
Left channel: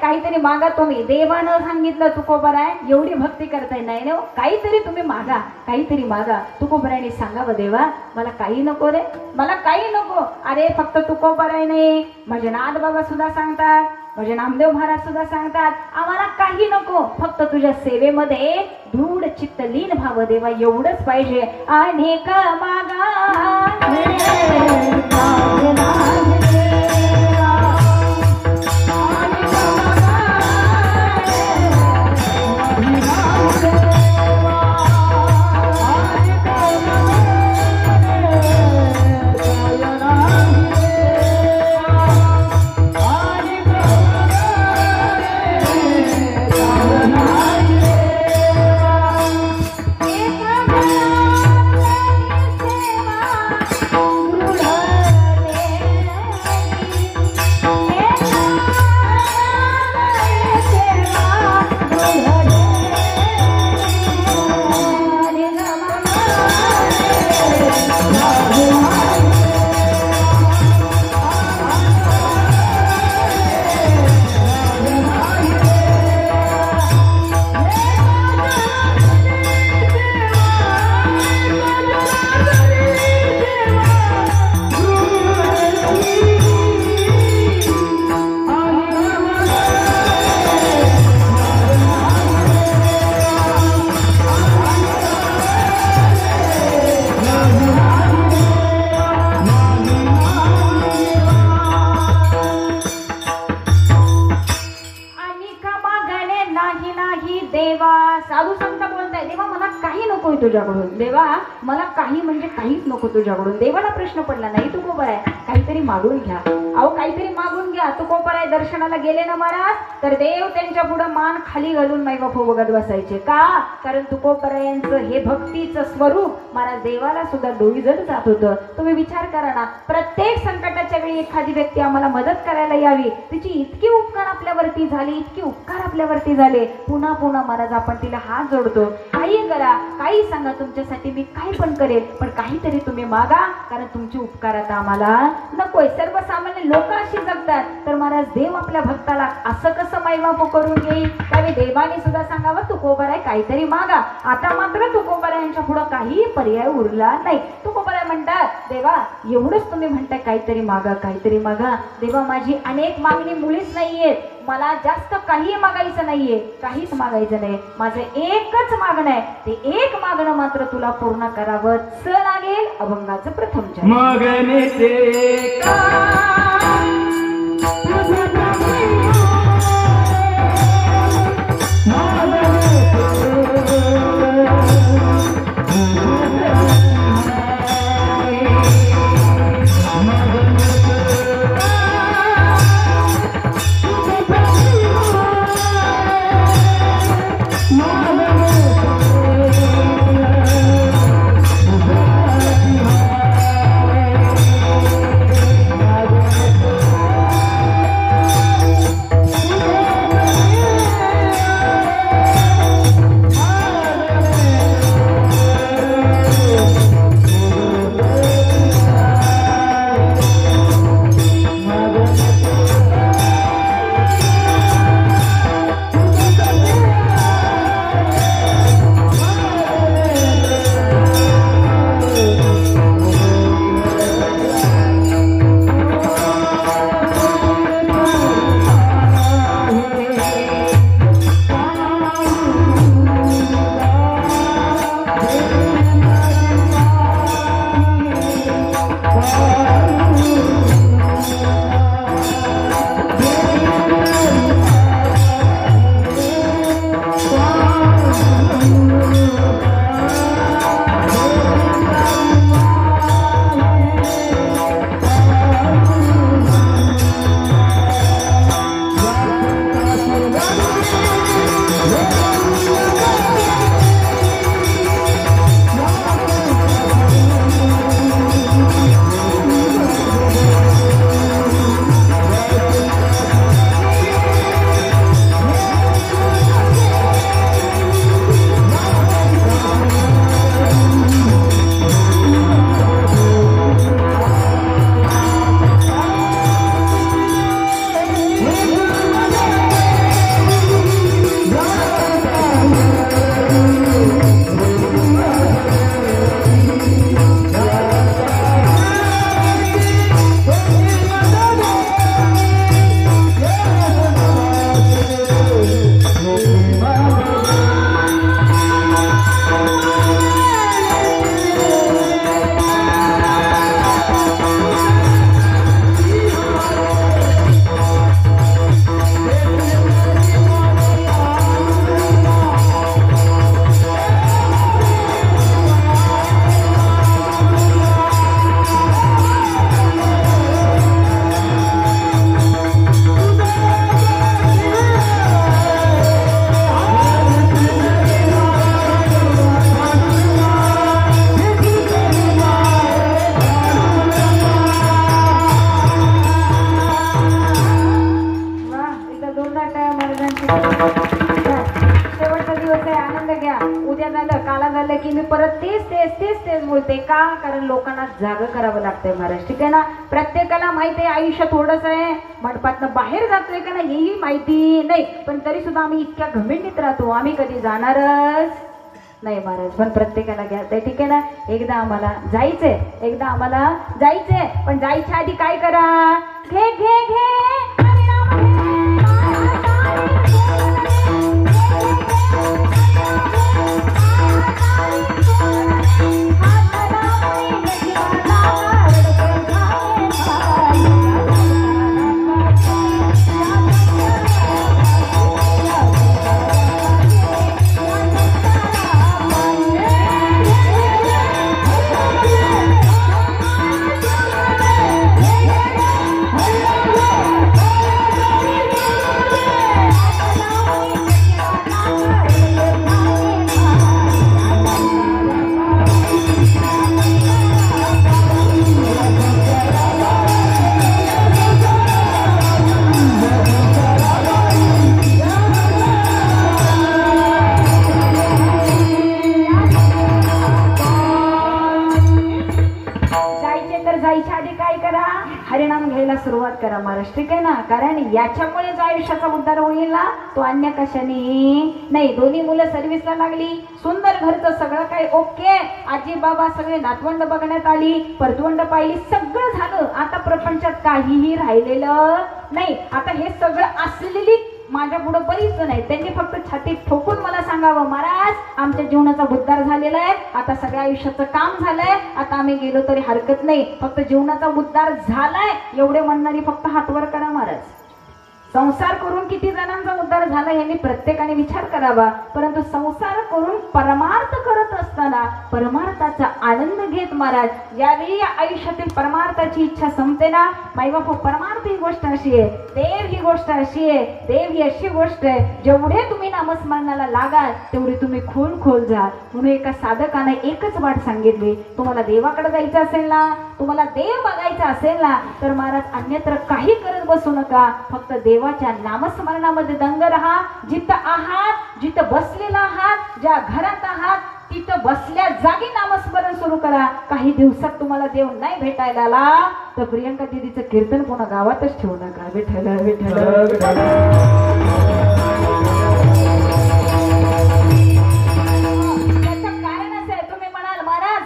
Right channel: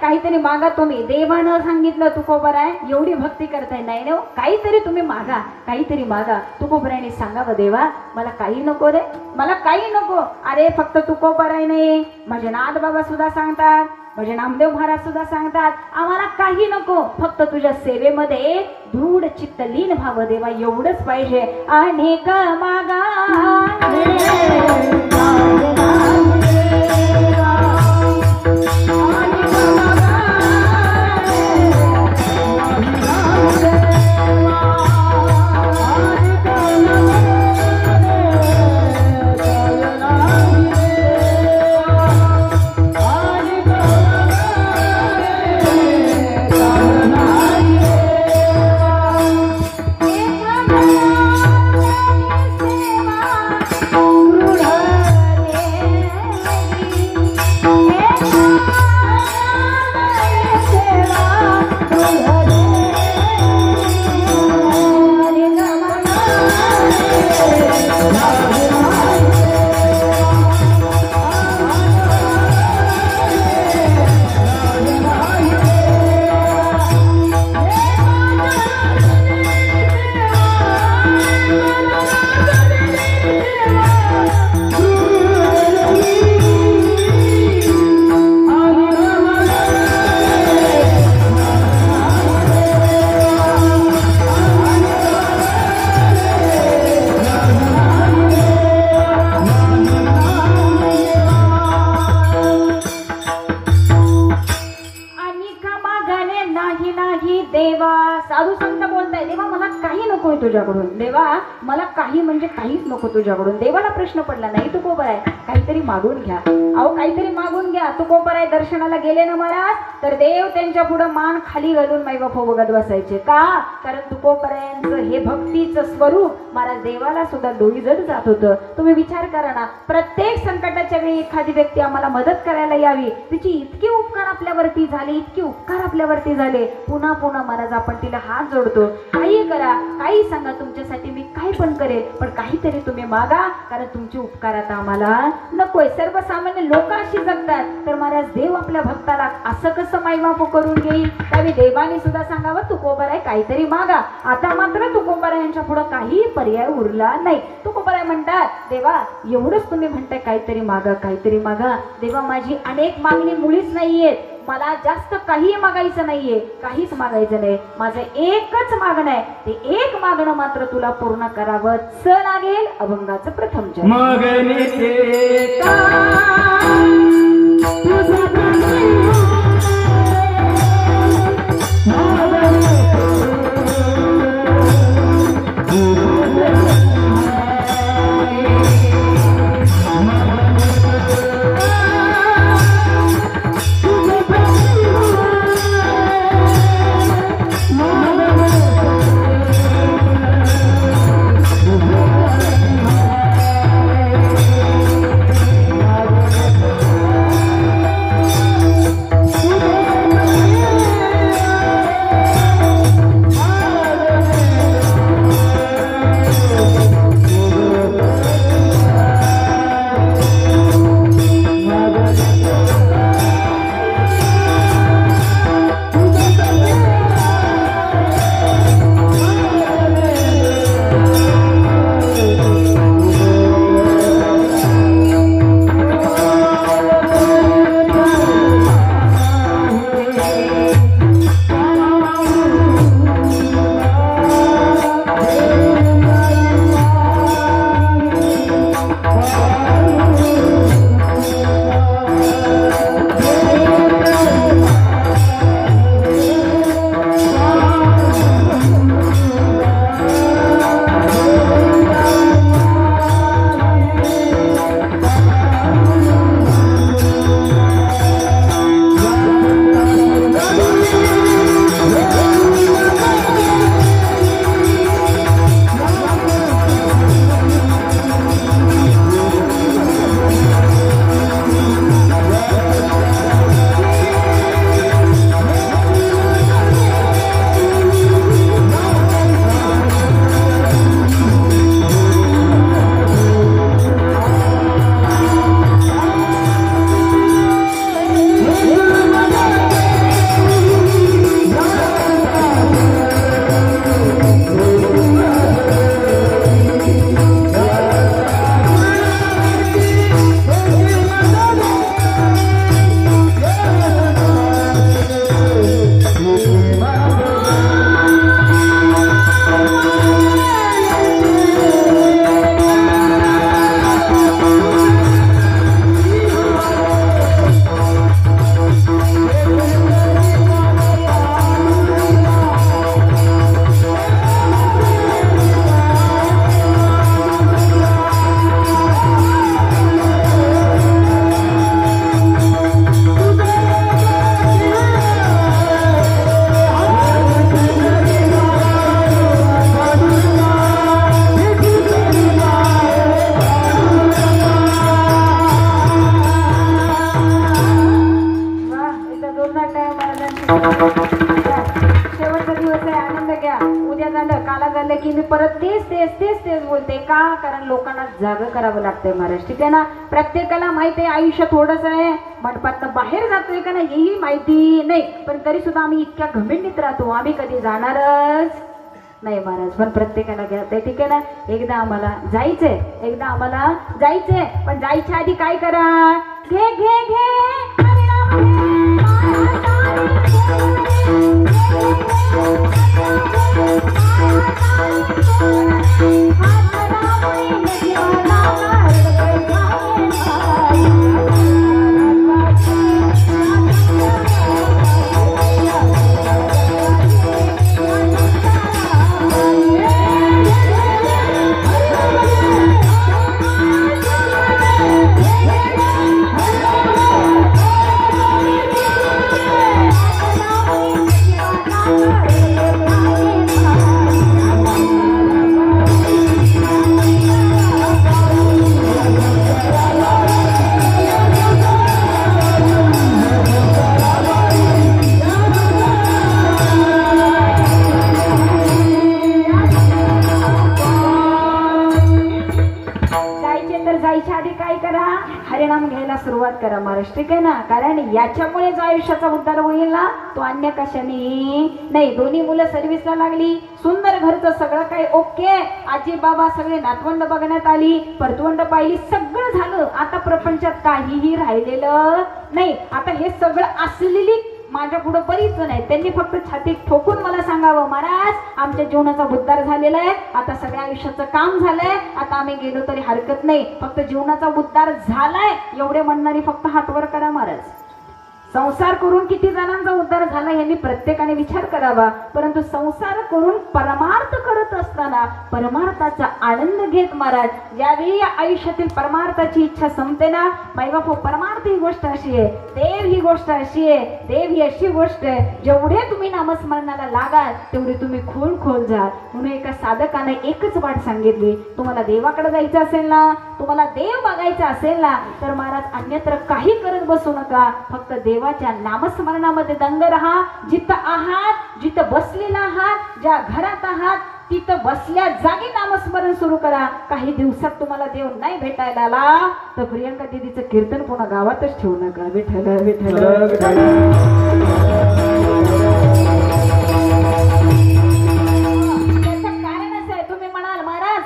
काहीतरी मागा तुम्ही. देवानं सांगितलं तुकोबाराय एवढी भक्ती करताय, नाही काहीतरी तुम्ही मागा, काहीतरी मागा. तुकोबारायने सांगावं देवा मला काही नको रे, मला काही नको. अरे फक्त तुकोबाराय नाही, माझे नाथ बाबा सुद्धा सांगतात, माझे नामदेव महाराज सुद्धा सांगतात, आम्हाला काही नको, फक्त तुझ्या सेवेमध्ये दृढ चित्त लीन भाव देवा, एवढंच पाहिजे. आणि का मागा तुझ्याकडून. देवा मला काही म्हणजे काहीच नको तुझ्याकडून. देवाला प्रश्न पडला नाही तुकोबाराय काहीतरी मागून घ्या. अहो काहीतरी मागून घ्या. तुकोबाराय दर्शनाला गेले ना महाराज, तर देव त्यांच्या पुढे मान खाली घालून माईबाप बघत बसायचे. का? कारण तुकोबारायांचं हे भक्तीचं स्वरूप महाराज देवाला सुद्धा डोईजड जात होतं. तुम्ही विचार करा ना, प्रत्येक संकटाच्या वेळी एखादी व्यक्ती आम्हाला मदत करायला यावी, तिची इतकी उपकार आपल्यावरती झाले, इतके उपकार आपल्यावरती झाले, पुन्हा पुन्हा महाराज आपण तिला हात जोडतो. काही करा, काही सांगा, तुमच्यासाठी मी काही पण करेल, पण काहीतरी तुम्ही मागा, कारण तुमचे उपकार आता आम्हाला नकोय. सर्वसामान्य लोक अशी जगतात, तर महाराज देव आपल्या भक्ताला असं कसं मायबाप करून घेईल. त्यावेळी देवाने सुद्धा सांगावं तुकोबाराय काहीतरी मागा. आता मात्र तुकोबारायांच्या पुढे काही पर्याय उरला नाही. तुकोबाराय म्हणतात देवा एवढंच तुम्ही म्हणताय काहीतरी मागा, काहीतरी मागा. देवा माझी अनेक मागणी मुळीच नाहीये, मला जास्त काही मागायचं नाहीये, काहीच मागायचं नाही. माझं एकच मागणं आहे, ते एक मागणं मात्र तुला पूर्ण करावं लागेल. अभंगाचं प्रथम जागं करावं लागतंय महाराज. ठीक आहे ना. प्रत्येकाला माहिती आहे आयुष्य थोडंच आहे, मंडपातनं बाहेर जातोय का नाही हेही माहिती नाही, पण तरी सुद्धा आम्ही इतक्या घमेंडीत राहतो आम्ही कधी जाणारच नाही महाराज. पण प्रत्येकाला घ्यायचंय. ठीक आहे ना. एकदा आम्हाला जायचंय पण जायच्या आधी काय करा, घे घे घे सुरुवात करा महाराज. ठीक आहे ना. कारण याच्यामुळे जो आयुष्याचा उद्धार होईल ना तो अन्य कशाने नाही. दोन्ही मुलं सर्व्हिसला लागली, सुंदर घरचं सगळं काही ओके, आजी बाबा सगळे नातवंड बघण्यात आली, परतवंड पाहिली, सगळं झालं. आता प्रपंचात काहीही राहिलेलं नाही. आता हे सगळं असलेली माझ्या पुढे बरीच जण आहेत, त्यांनी फक्त छातीत ठोकून मला सांगावं, महाराज आमच्या जीवनाचा उद्धार झालेला आहे, आता सगळ्या आयुष्याचं काम झालंय, आता आम्ही गेलो तरी हरकत नाही, फक्त जीवनाचा उद्धार झालाय एवढे म्हणणारी फक्त हात वर करा महाराज. संसार करून किती जणांचा उद्धार झाला यांनी प्रत्येकाने विचार करावा. परंतु संसार करून परमार्थ करत असताना परमार्थाचा आनंद घेत महाराज ज्यावेळी या आयुष्यातील परमार्थाची इच्छा संपते ना, मायबापू परमार्थ ही गोष्ट अशी आहे, देव ही गोष्ट अशी आहे, देव ही अशी गोष्ट आहे, जेवढे तुम्ही नामस्मरणाला लागाल तेवढे तुम्ही खोल जा. म्हणून एका साधकाने एकच वाट सांगितली, तुम्हाला देवाकडे जायचं असेल ना, तुम्हाला देव बघायचा असेल ना, तर महाराज अन्यत्र काही करत बसू नका, फक्त देवाच्या नामस्मरणामध्ये दंग रहा. जिथं आहात, जिथं बसलेला आहात, ज्या घरात आहात तिथं बसल्या जागी नामस्मरण सुरू करा. काही दिवसात तुम्हाला देव नाही भेटायला आला तर प्रियंका दीदीचं कीर्तन कोणा गावातच ठेवू नका. विठ्ठल विठ्ठल.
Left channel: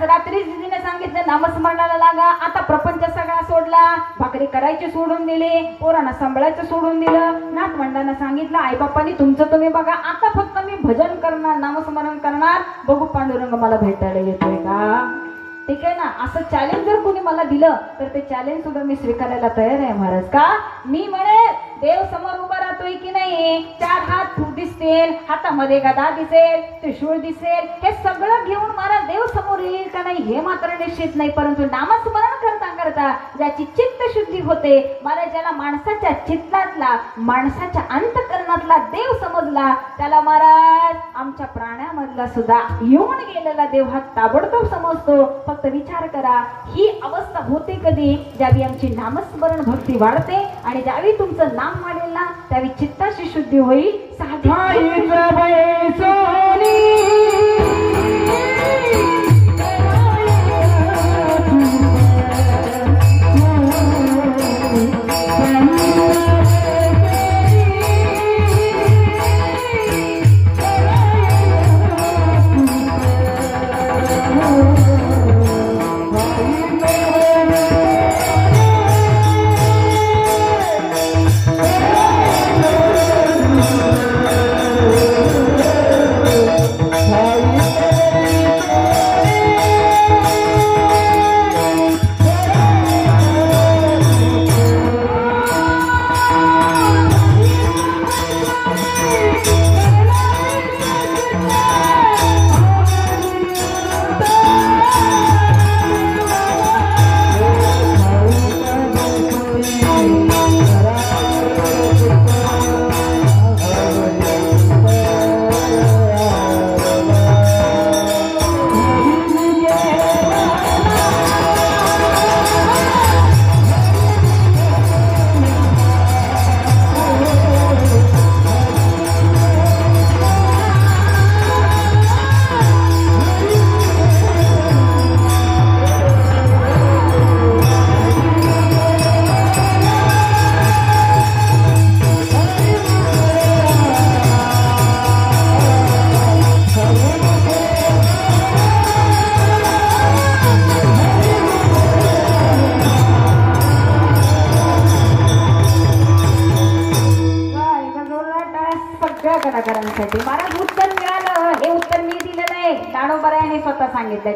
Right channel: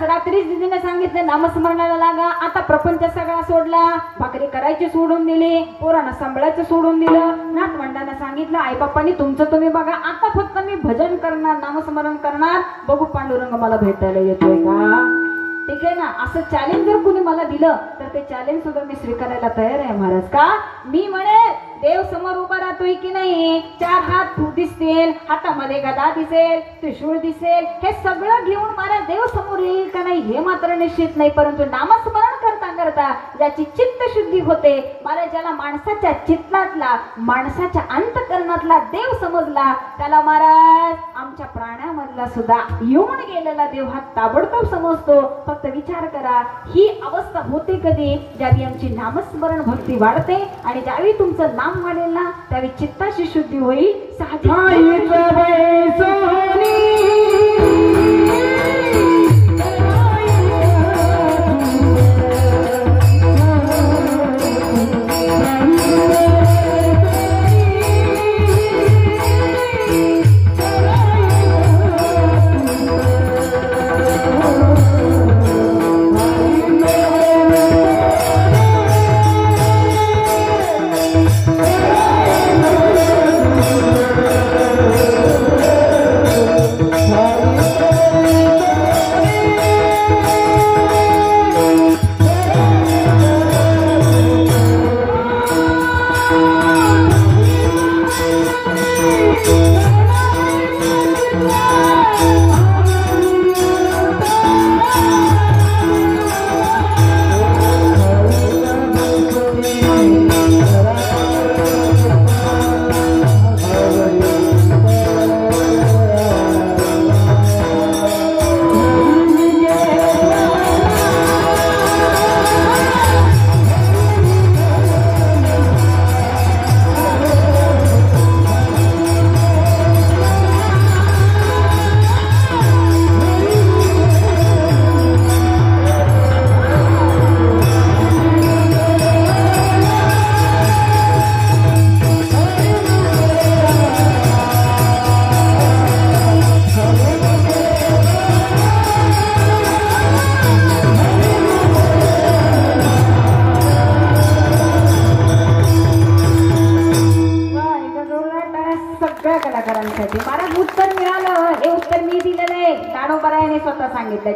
रात्री दिदीने सांगितलं नामस्मरणाला लागा, आता प्रपंच सगळा सोडला, भाकरी करायची सोडून दिली, पोरांना सांभाळायचं सोडून दिलं, नातवंडांना सांगितलं आई बाप्पांनी तुमचं तुम्ही बघा, आता फक्त मी भजन करणार, नामस्मरण करणार, बघू पांडुरंग मला भेटायला येतोय का. ठीक आहे ना. असं चॅलेंज जर कुणी मला दिलं तर ते चॅलेंज सुद्धा मी स्वीकारायला तयार आहे महाराज. का मी म्हणे देव समोर उभा राहतोय की नाही, 4 हात दिसतील, हातामध्ये गदा दिसेल, त्रिशूळ दिसेल, हे सगळं घेऊन महाराज देव समोर येईल का नाही हे मात्र निश्चित नाही. परंतु नामस्मरण करता करता ज्याची चित्त शुद्धी होते मला, ज्याला माणसाच्या चित्तातला माणसाच्या अंतकरणातला देव समजला त्याला महाराज आमच्या प्राण्यामधला सुद्धा येऊन गेलेला देव हा ताबडतोब समजतो. फक्त विचार करा ही अवस्था होते कधी, ज्यावेळी आमची नामस्मरण भक्ती वाढते आणि ज्यावेळी तुमचं नाम वाढेल ना त्यावेळी चित्ताची शुद्धी होईल.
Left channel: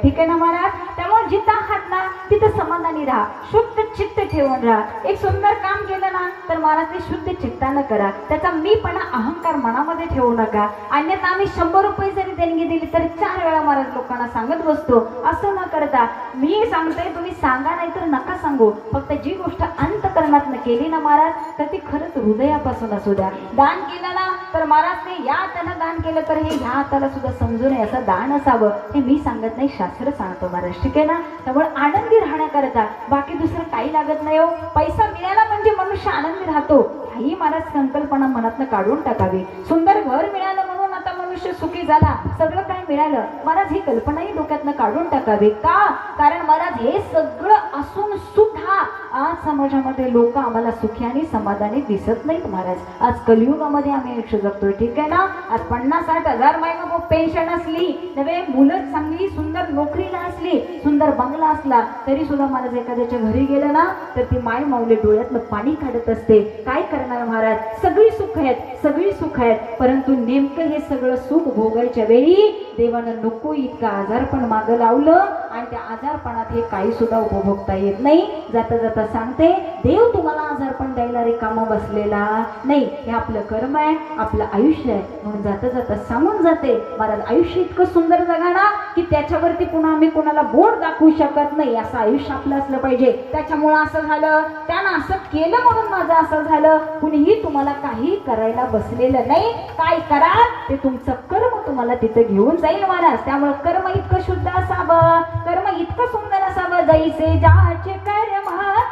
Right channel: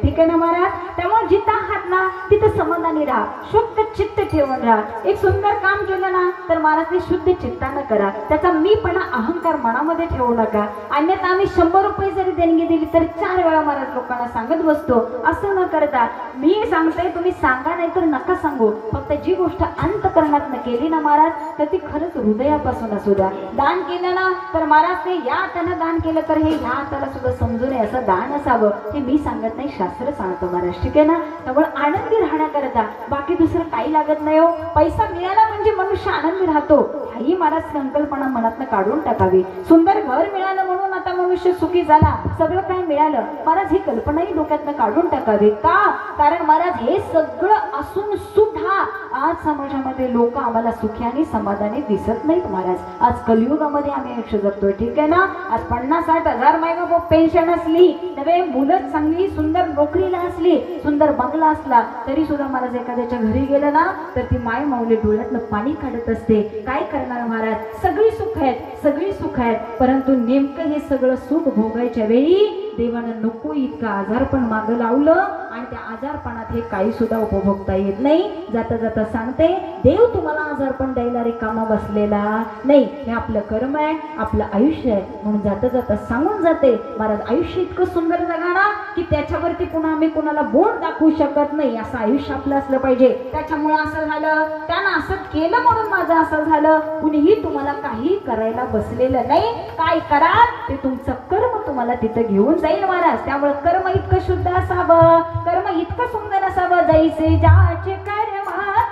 ठीक आहे ना महाराज. त्यामुळे जिथं आहात ना तिथं समाधानी राहा, शुद्ध चित्त ठेवून राहा. एक सुंदर काम केलं ना तर महाराज ते शुद्ध चित्तानं करा, त्याचा मीपणा अहंकार मनामध्ये ठेवू नका. अन्यथा आम्ही 100 रुपये जरी देणगी दिली तर 4 वेळा महाराज लोकांना सांगत बसतो. असं न करता मी सांगते तुम्ही सांगा नाही तर नका सांगू, फक्त जी गोष्ट अंतकरणातनं केली ना महाराज तर ती खरंच हृदयापासून असू द्या. दान केलं ना तर महाराज ते या हातानं दान केलं तर हे ह्या हाताला सुद्धा समजू नये असं दान असावं, हे मी सांगत नाही शास्त्र सांगतो महाराज. ठीक आहे ना. त्यामुळे आनंदी राहण्याकरता बाकी दुसरं काही लागत नाही हो. पैसा मिळाला म्हणजे मनुष्य आनंदी राहतो ही महाराज संकल्पना मनातनं काढून टाकावी. सुंदर घर मिळालं म्हणून आता मनुष्य सुखी झाला, सगळं काही मिळालं महाराज ही कल्पनाही डोक्यातनं काढून टाकावी. का? कारण महाराज हे सगळं असून सुद्धा आज समाजामध्ये लोक आम्हाला सुखी आणि समाधानी दिसत नाहीत महाराज. आज कलियुगामध्ये आम्ही आयुष्य जगतोय. ठीक आहे ना. आज 50-60 हजार मायबाप पेन्शन असली, नवे मुलं चांगली सुंदर नोकरीला असली, सुंदर बंगला असला तरी सुद्धा महाराज एखाद्याच्या घरी गेलं ना तर ती माय माऊली डोळ्यातनं पाणी काढत असते. काय करणार महाराज, सगळी सुख आहेत, सगळी सुख आहेत, परंतु नेमकं हे सगळं सुख भोगायच्या वेळी देवानं नको इतका आजारपण मागं लावलं आणि त्या आजारपणात हे काही सुद्धा उपभोगता येत नाही. जाता जाता सांगते देव तुम्हाला आजारपण द्यायला रिकामा बसलेला नाही, हे आपलं कर्म आहे, आपलं आयुष्य आहे. म्हणून जाता जाता सांगून जाते महाराज आयुष्य इतकं सुंदर जगा ना की त्याच्यावरती पुन्हा आम्ही कोणाला बोट दाखवू शकत नाही, असं आयुष्य आपलं असलं पाहिजे. त्याच्यामुळं असं झालं, त्यानं असं केलं म्हणून माझं असं झालं, कुणीही तुम्हाला काही करायला बसलेलं नाही. काय करा ते तुमचं कर्म तुम्हाला तिथं घेऊन जाईल महाराज. त्यामुळे कर्म इतकं शुद्ध असावं, कर्म इतकं सुंदर असावं, जैसे ज्याचे कर्म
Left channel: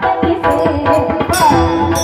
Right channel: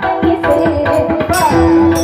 तैसे सुंदर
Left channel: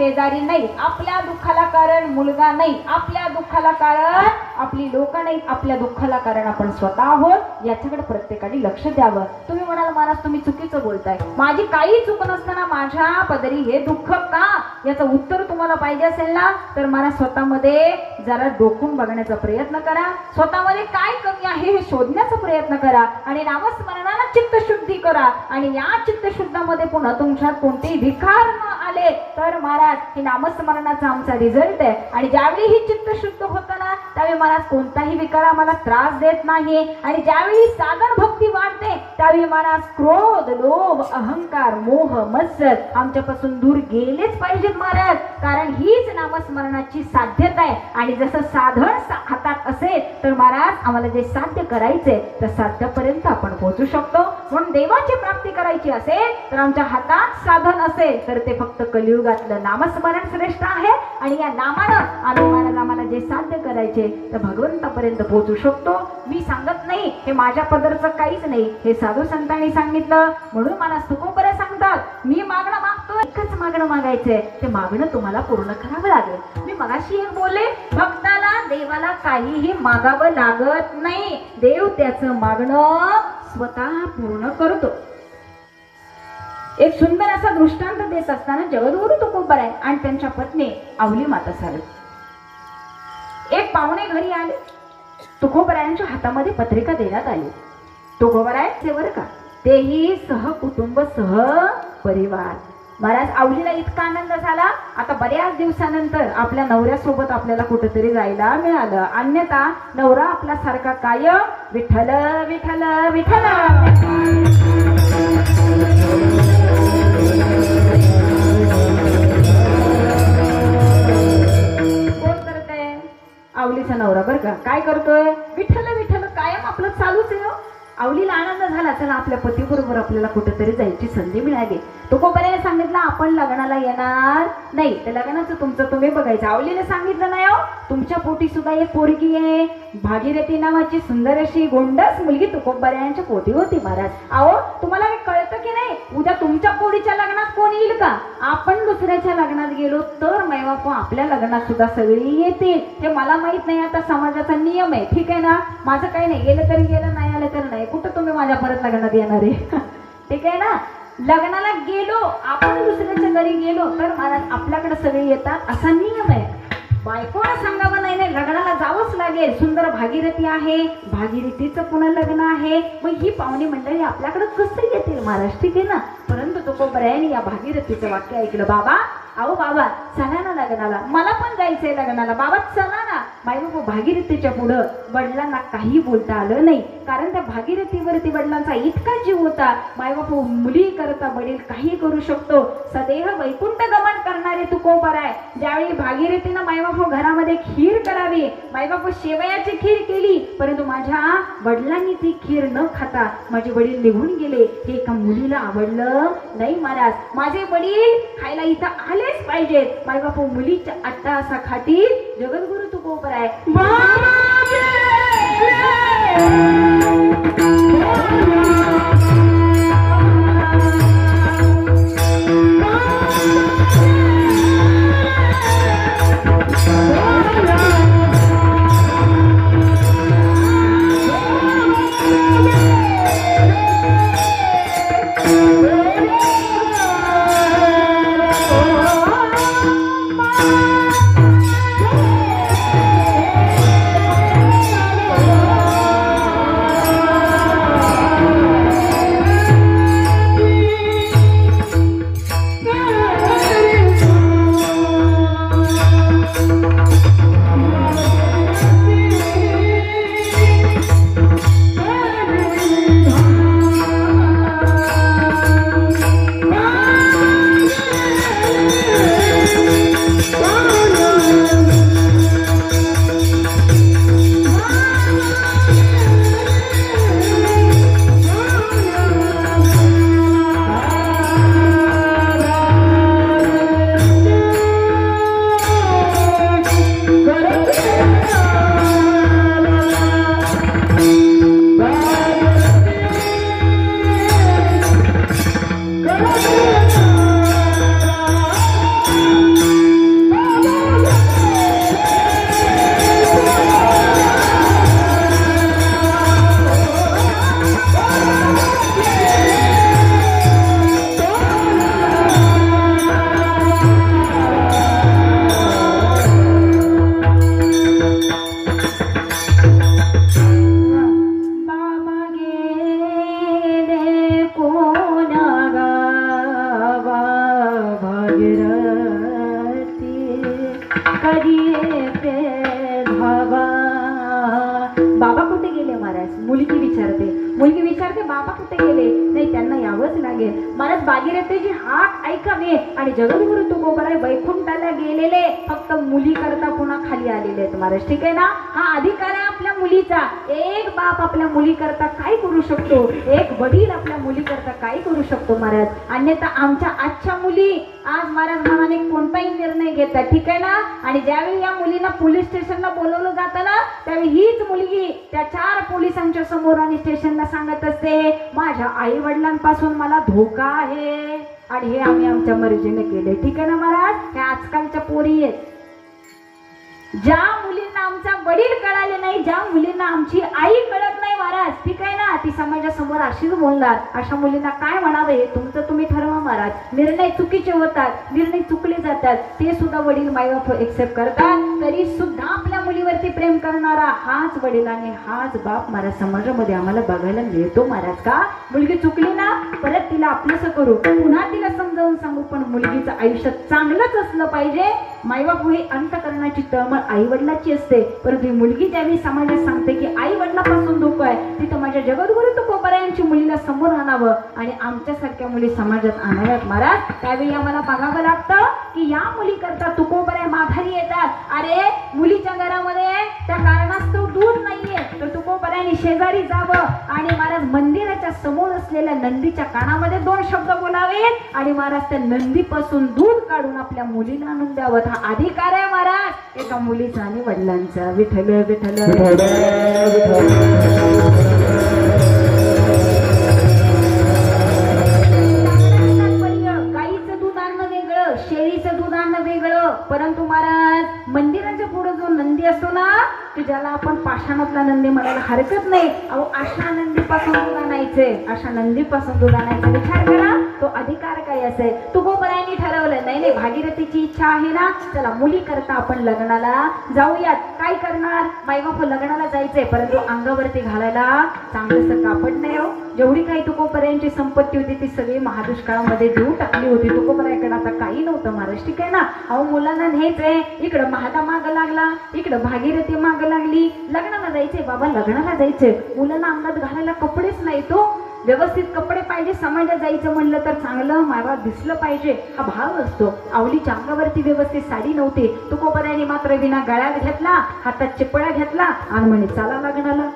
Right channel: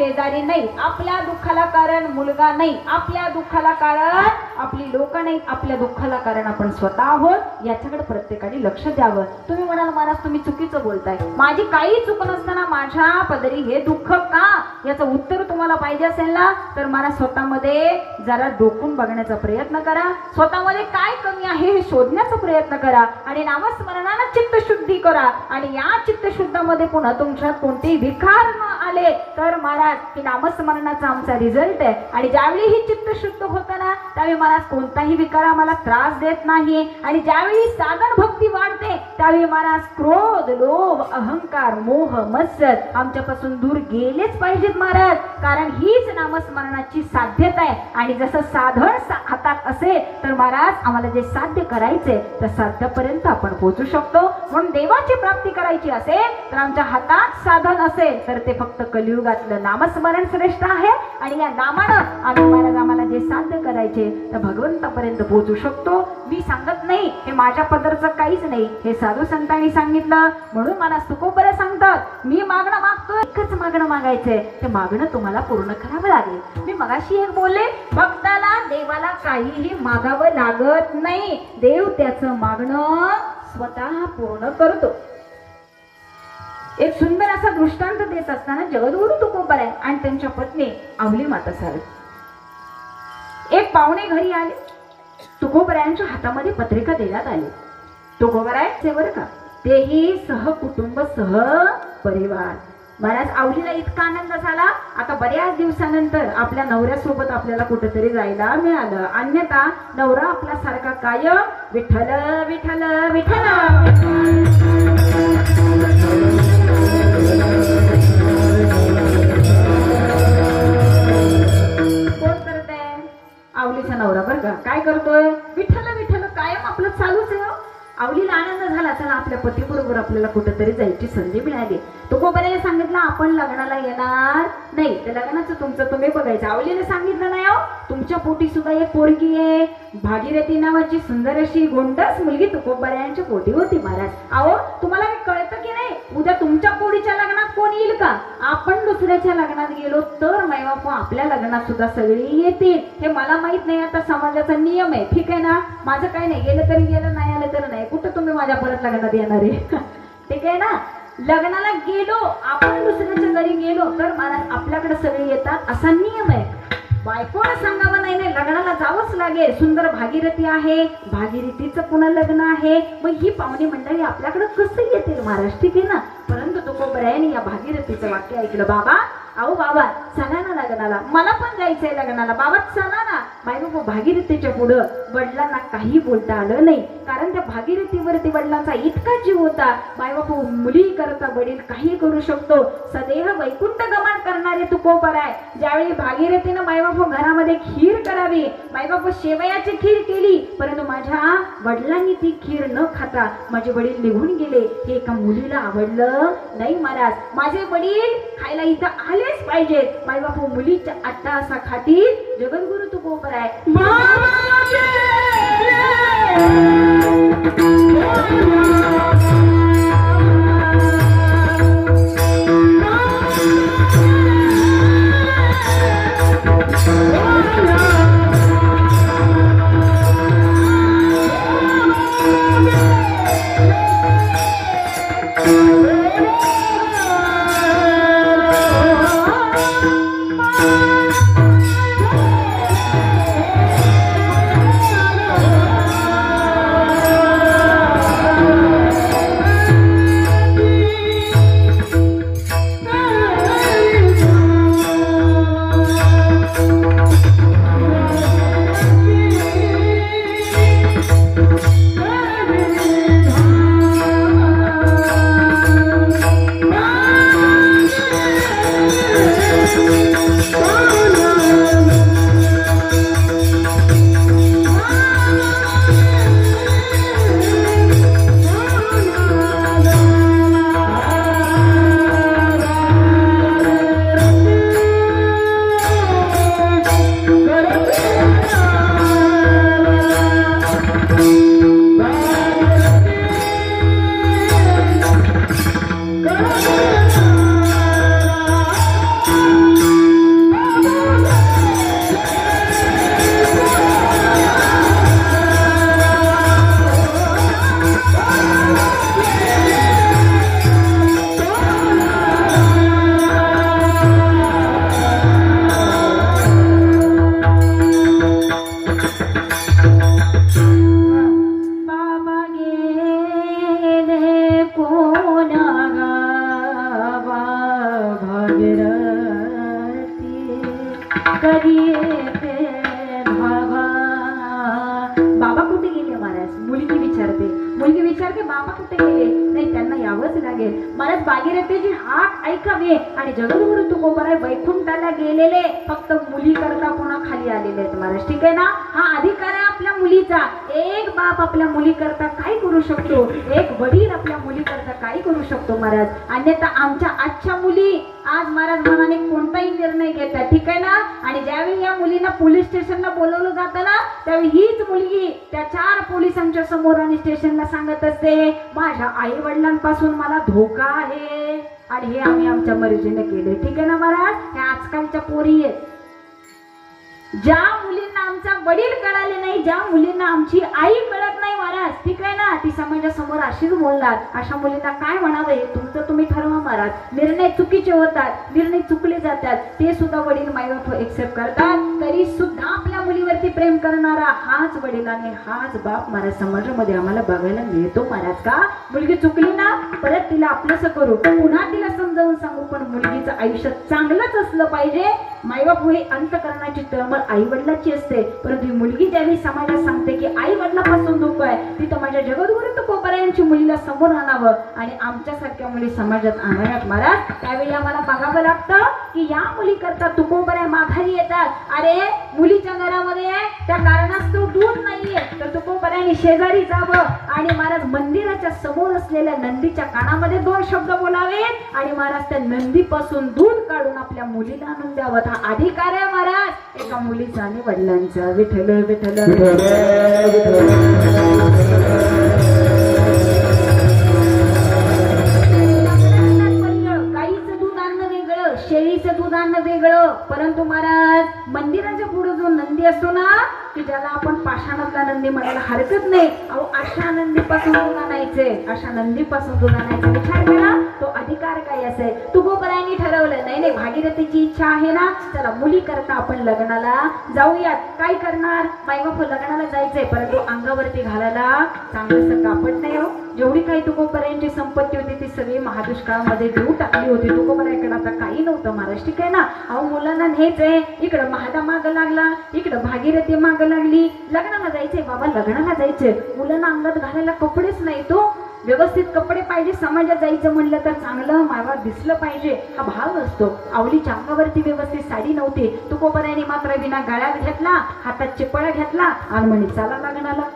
शेजारी नाही, आपल्या दुःखाला कारण मुलगा नाही, आपल्या दुःखाला कारण आपली लोक नाही, आपल्या दुःखाला कारण आपण स्वतः आहोत. याच्याकडे प्रत्येकाने लक्ष द्यावं. तुम्ही म्हणाल महाराज तुम्ही चुकीचं बोलताय, माझी काही चूक नसताना माझ्या पदरी हे दुःख का? याचं उत्तर तुम्हाला पाहिजे असेल ना, तर मला स्वतःमध्ये जरा डोकून बघण्याचा प्रयत्न करा. स्वतःमध्ये काय कमी आहे हे शोधण्याचा प्रयत्न करा आणि नामस्मरणाला चित्तशुद्धी करा. आणि या चित्तशुद्धामध्ये पुन्हा तुमच्यात कोणतेही विकार आले तर महाराज हे नामस्मरणाचा आमचा रिझल्ट आहे. आणि ज्यावेळी ही चित्तशुद्ध होताना त्यावेळी महाराज कोणताही विकार आम्हाला त्रास देत नाही. आणि ज्यावेळी साधन भक्ती वाढते त्यावेळी महाराज क्रोध, लोभ, अहंकार, मोह, मत्सर आमच्यापासून दूर गेलेच पाहिजेत महाराज. कारण हीच नामस्मरणाची साध्यता आहे. आणि जसं साधन हातात असेल तर महाराज आम्हाला जे साध्य करायचे त्या साध्यापर्यंत आपण पोहोचू शकतो. म्हणून देवाची प्राप्ती करायची असेल तर आमच्या हातात साधन असेल तर ते फक्त कलियुगातलं नामस्मरण श्रेष्ठ आहे. आणि या नामानं आम्ही महाराज आम्हाला जे साध्य करायचे त्या भगवंतापर्यंत पोहोचू शकतो. मी सांगत नाही, हे माझ्या पदरचं काहीच नाही, हे साधू संतांनी सांगितलं. म्हणून मला तुकोबरे सांगतात मी मागणं मागतो, एकच मागणं मागायचंय, ते मागणं तुम्हाला पूर्ण करावं लागेल. मी मगाशी एक बोलले, भक्ताला देवाला काहीही मागावं लागत नाही, देव त्याचं मागणं स्वतः पूर्ण करतो. एक सुंदर असा दृष्टांत देत असताना जगद्गुरु तुकोबराय आणि त्यांच्या पत्नी आवली माता साहेब एक पाहुणे घरी आले. तुकोबरायांच्या हातामध्ये पत्रिका देण्यात आली. तुकोबरायचे बरं का, तेही सहकुटुंब सह परिवार. महाराज आवलीला इतका आनंद झाला, आता बऱ्याच दिवसानंतर आपल्या नवऱ्यासोबत आपल्याला कुठेतरी जायला मिळालं. अन्यथा नवरा आपला सारखा कायम विठ्ठल विठ्ठल विठ्ठल कोण करतय? आवलीचा नवरा बरं का. काय करतोय? विठ्ठल विठ्ठल कायम आपलं चालूच आहे. आवलीला आनंद झाला, चला आपल्या पतीबरोबर आपल्याला कुठेतरी जायची संधी मिळाली. तुकोबराय सांगितलं आपण लग्नाला येणार नाही, त्या लग्नाचं तुमचं तुम्ही बघायचं. आवलीने सांगितलं नाही, तुमच्या पोटी सुद्धा एक पोरगी आहे, भागीरथी नावाची सुंदर अशी गोंडस मुलगी तुकोबरायांच्या पोटी होती. महाराज अहो तुम्हाला काय कळतं की नाही, उद्या तुमच्या पोरीच्या लग्नात कोण येईल का? आपण दुसऱ्याच्या लग्नात गेलो तर मायबाप आपल्या लग्नात सुद्धा सगळी येतील. हे मला माहित नाही, आता समाजाचा नियम आहे, ठीक आहे ना. माझं काही नाही, गेलं तरी गेलं, नाही आलं तर नाही. कुठं तुम्ही माझ्या परत लग्नात येणार आहे? ठीक आहे ना. लग्नाला गेलो आपण, दुसऱ्याच्या घरी गेलो तर महाराज आपल्याकडे सगळे येतात असा नियम आहे. बायकोला सांगावं नाही, नाही लग्नाला जावंच लागेल. सुंदर भागीरथी आहे, भागीरथीचं पुन्हा लग्न आहे, मग ही पाहुणी मंडळी आपल्याकडे कसं येतील महाराज? ठीक आहे ना. परंतु तुकोबरायांनी या भागीरथीचं वाक्य ऐकलं. बाबा अहो बाबा चला ना लग्नाला, मला पण जायचंय लग्नाला. बाबा चला ना. बायको भागीरथीच्या पुढं वडिलांना काही बोलता आलं नाही, कारण त्या भागीरथीवरती वडिलांचा इतका जीव होता. मायबाप मुली करता वडील काही करू शकतो. सदेह वैकुंठ गमन करणारे तुकोबराय ज्यावेळी भागीरथीनं मायबाप घरामध्ये खीर करावी, मायबाप शेवयाची खीर केली, परंतु माझ्या वडिलांनी ती खीर न खाता माझे वडील निघून गेले. हे एका मुलीला आवडलं नाही. महाराज माझे वडील खायला इथं आलेच पाहिजेत. मायबाप मुलीच्या अट्टासा खाती जगद्गुरु तुकोबराय कधी येते धावा. बाबा कुठे गेले महाराज? मुलगी विचारते बाबा कुठे गेले? नाही, त्यांना यावंच लागेल महाराज. भागीरथीची हाक ऐकावे आणि जगद्गुरु तुकोबराय वैकुंठाला गेलेले फक्त मुली करता पुन्हा खाली आलेले आहेत महाराज. ठीक आहे ना? हा अधिकार आहे आपल्या मुलीचा. एक बाप आपल्या मुली करता काय करू शकतो, एक वडील आपल्या मुली करता काय करू शकतो महाराज. अन्यथा आमच्या आजच्या मुली आज महाराज मनाने कोणताही निर्णय घेतात. ठीक आहे ना? आणि ज्यावेळी या मुलींना पोलीस स्टेशनला बोलवलं जातं ना, त्यावेळी हीच मुलगी त्या 4 पोलिसांच्या समोर आणि स्टेशनला सांगत असते, माझ्या आई वडिलांपासून मला धोका आहे आणि हे आम्ही आमच्या मर्जीने केले. ठीक आहे ना महाराज? हे आजकालच्या पोरी आहेत. ज्या मुलींना आमचा वडील कळाले नाही, ज्या मुलींना आमची आई कळत नाही महाराज, ठीक आहे ना, ती समाजासमोर अशीच बोलणार. अशा मुलींना काय म्हणावं हे तुमचं तुम्ही ठरवा महाराज. निर्णय चुकीचे होतात, निर्णय चुकले जातात, ते सुद्धा वडील मायबाप एक्सेप्ट करतात. तरी सुद्धा आपल्या मुलीवरती प्रेम करणारा हाच वडील आणि हाच बाप महाराज समाजामध्ये आम्हाला बघायला मिळतो महाराज. का? मुलगी चुकली ना, परत तिला आपलंसं करू, पुन्हा तिला समजावून सांगू, पण मुलगीचं आयुष्य चांगलंच असलं पाहिजे. मायबाप हे अंतकरणाची तळमळ आई वडिलाची असते, परंतु ही मुलगी ज्यावेळी समाजात सांगते की आई वडिलापासून धोका आहे, तिथं माझ्या जगद्गुरु तुकोबरायांची मुलीला समोर आणावं आणि आमच्यासारख्या मुली समाजात आणाव्यात महाराज. त्यावेळी आम्हाला बघावं लागतं की या मुली करता तुकोबराय माघारी येतात. अरे मुलीच्या घरामध्ये त्या कारणास्तव दूध नाहीये, तर तुकोबरायांनी शेजारी जावं आणि महाराज मंदिराच्या समोर असलेल्या नंदीच्या कानामध्ये 2 शब्द बोलावे आणि महाराज त्या नंदीपासून दूध काढून आपल्या मुलीला आणून द्यावं. हा अधिकार आहे महाराज एका मुलीचा आणि वडिलांचा. विठ्ठल विठ्ठल. गाईचं दूध आणणं वेगळं, शेळीचं दूध आणणं वेगळं, परंतु महाराज मंदिराच्या पुढे जो नंदी असतो ना, की ज्याला आपण पाषाणातला नंदी म्हणायला हरकत नाही, अहो अशा नंदीपासून दूध आणायचे, अशा नंदीपासून दूध आणायचा विचार करा. तो अधिकार काय असेल? तुकोबरायांनी ठरवलं नाही नाही भागीरथीची इच्छा आहे ना, चला मुली करता आपण लग्नाला जाऊयात. काय करणार? मायबाप लग्नाला जायचंय, परंतु अंगावरती घालायला चांगलंसं कापड नाही. हो, जेवढी काही तुकोबरायांची संपत्ती होती ती सगळी महादुष्काळामध्ये देऊ टाकली होती. तुकोबरायाकडे आता काही नव्हतं महाराज. ठीक आहे ना? अहो मुलांना न्यायचंय, इकडं महादा माग लागला, इकडं भागीरथी माग लागली. लग्नाला जायचंय बाबा, लग्नाला जायचंय, मुलांना अंगात घालायला कपडेच नाही. तो व्यवस्थित कपडे पाहिजे, समाजात जायचं म्हणलं तर चांगलं मायबा दिसलं पाहिजे, हा भाव असतो. आवलीच्या अंगावरती व्यवस्थित साडी नव्हती. तुकोबरायांनी मात्र विना गळ्यात घेतला, हातात चिपळा घेतला आणि म्हणे चला लग्नाला.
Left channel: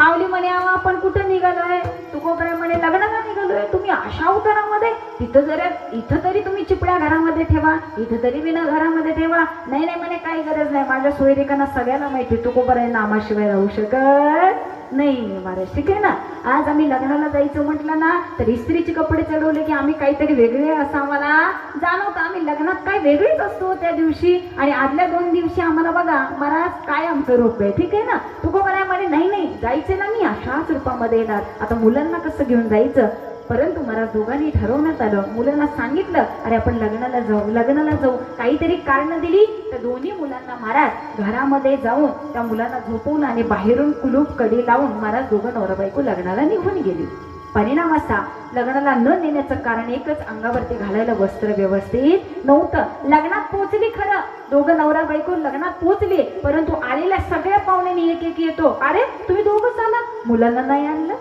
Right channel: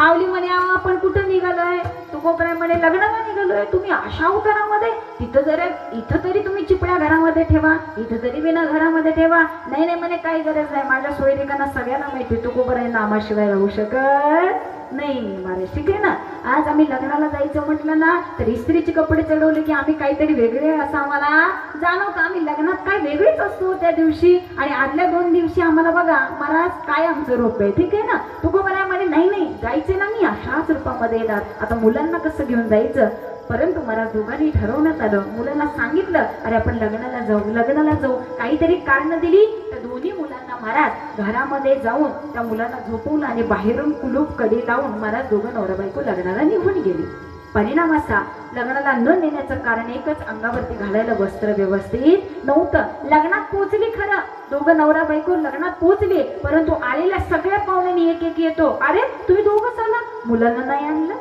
आवली म्हणे आपण कुठं निघालोय? तुकोबराय म्हणे लग्नाला निघालोय. तुम्ही अशा उतारामध्ये? इथं तरी तुम्ही चिपळ्या घरामध्ये ठेवा, इथं तरी विना घरामध्ये ठेवा. नाही नाही म्हणे काही गरज नाही, माझ्या सोयरिकांना सगळ्यांना माहिती तुकोबराय नामाशिवाय राहू शकत नाही महाराज. ठीक आहे ना? आज आम्ही लग्नाला जायचं म्हटलं ना, तर इस्त्रीचे कपडे चढवले की आम्ही काहीतरी वेगळे असं आम्हाला जाणवतं. आम्ही लग्नात काय वेगळेच असतो त्या दिवशी, आणि आदल्या 2 दिवशी आम्हाला बघा महाराज काय आमचं रूप आहे. ठीक आहे ना? तुकोबराय म्हणे नाही नाही जायचं ना, मी अशाच रूपामध्ये येणार. आता मुलांना कसं घेऊन जायचं? परंतु महाराज दोघांनी ठरवण्यात आलं, मुलांना सांगितलं अरे आपण लग्नाला जाऊ. काहीतरी कारण दिली तर दोन्ही मुलांना महाराज घरामध्ये जाऊन त्या मुलांना झोपवून आणि बाहेरून कुलूप कडी लावून महाराज दोघं नवरा बायको लग्नाला निघून गेली. परिणाम असा, लग्नाला न नेण्याचं कारण एकच, अंगावरती घालायला वस्त्र व्यवस्थित नव्हतं. लग्नात पोहोचली खरं, दोघं नवरा बायको लग्नात पोहोचले, परंतु आलेल्या सगळ्या पाहुण्यांनी एक एक येतो, अरे तुम्ही दोघंच आला, मुलांना नाही आणलं.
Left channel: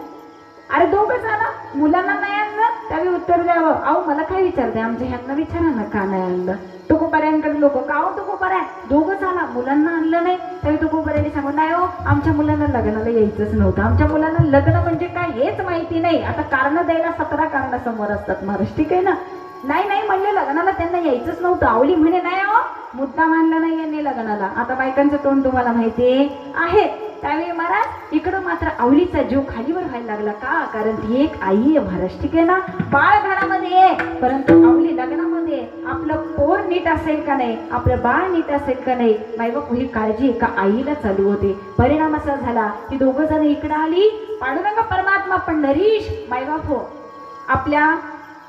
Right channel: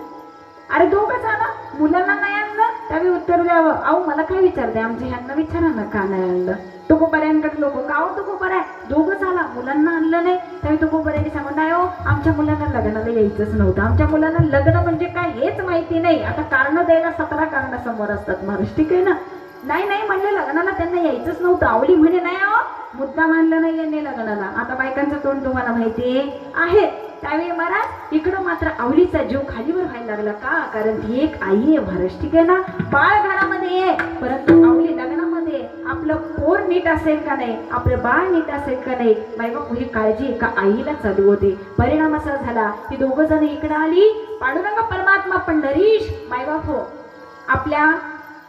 अरे दोघंच आला, मुलांना नाही आणलं. त्यावेळी उत्तर द्यावं, अहो मला काय विचारते, आमच्या ह्यांना विचारा ना का नाही आणलं. तुकोबरायांकडे लोक का हो तुकोबराय दोघंच आला, मुलांना आणलं नाही. त्यावेळी तुकोबरायांनी सांगत नाही हो आमच्या मुलांना लग्नाला यायचंच नव्हतं, आमच्या मुलांना लग्न म्हणजे काय हेच माहिती नाही. आता कारण द्यायला 17 कारण समोर असतात महाराज. ठीक आहे ना? नाही नाही म्हणले लग्नाला त्यांना यायचंच नव्हतं. आवली म्हणे नाही हो मुद्दा मानलं नाही यांनी लग्नाला. आता बायकांचं तोंड तुम्हाला माहिती आहे. त्यावेळी महाराज इकडं मात्र आवलीचा जीव खालीवर व्हायला लागला. का? कारण ती एक आई आहे महाराज. ठीक आहे ना? बाळ घरामध्ये आहे, परंतु आवली लग्नामध्ये आपलं पोर नीट असेल का नाही, आपलं बाळ नीट असेल का नाही, मायबाप ही काळजी एका आईला चालू होते. परिणाम असा झाला की दोघं जण इकडे आली. पांडुरंग परमात्मा पंढरीश मायबाप हो आपल्या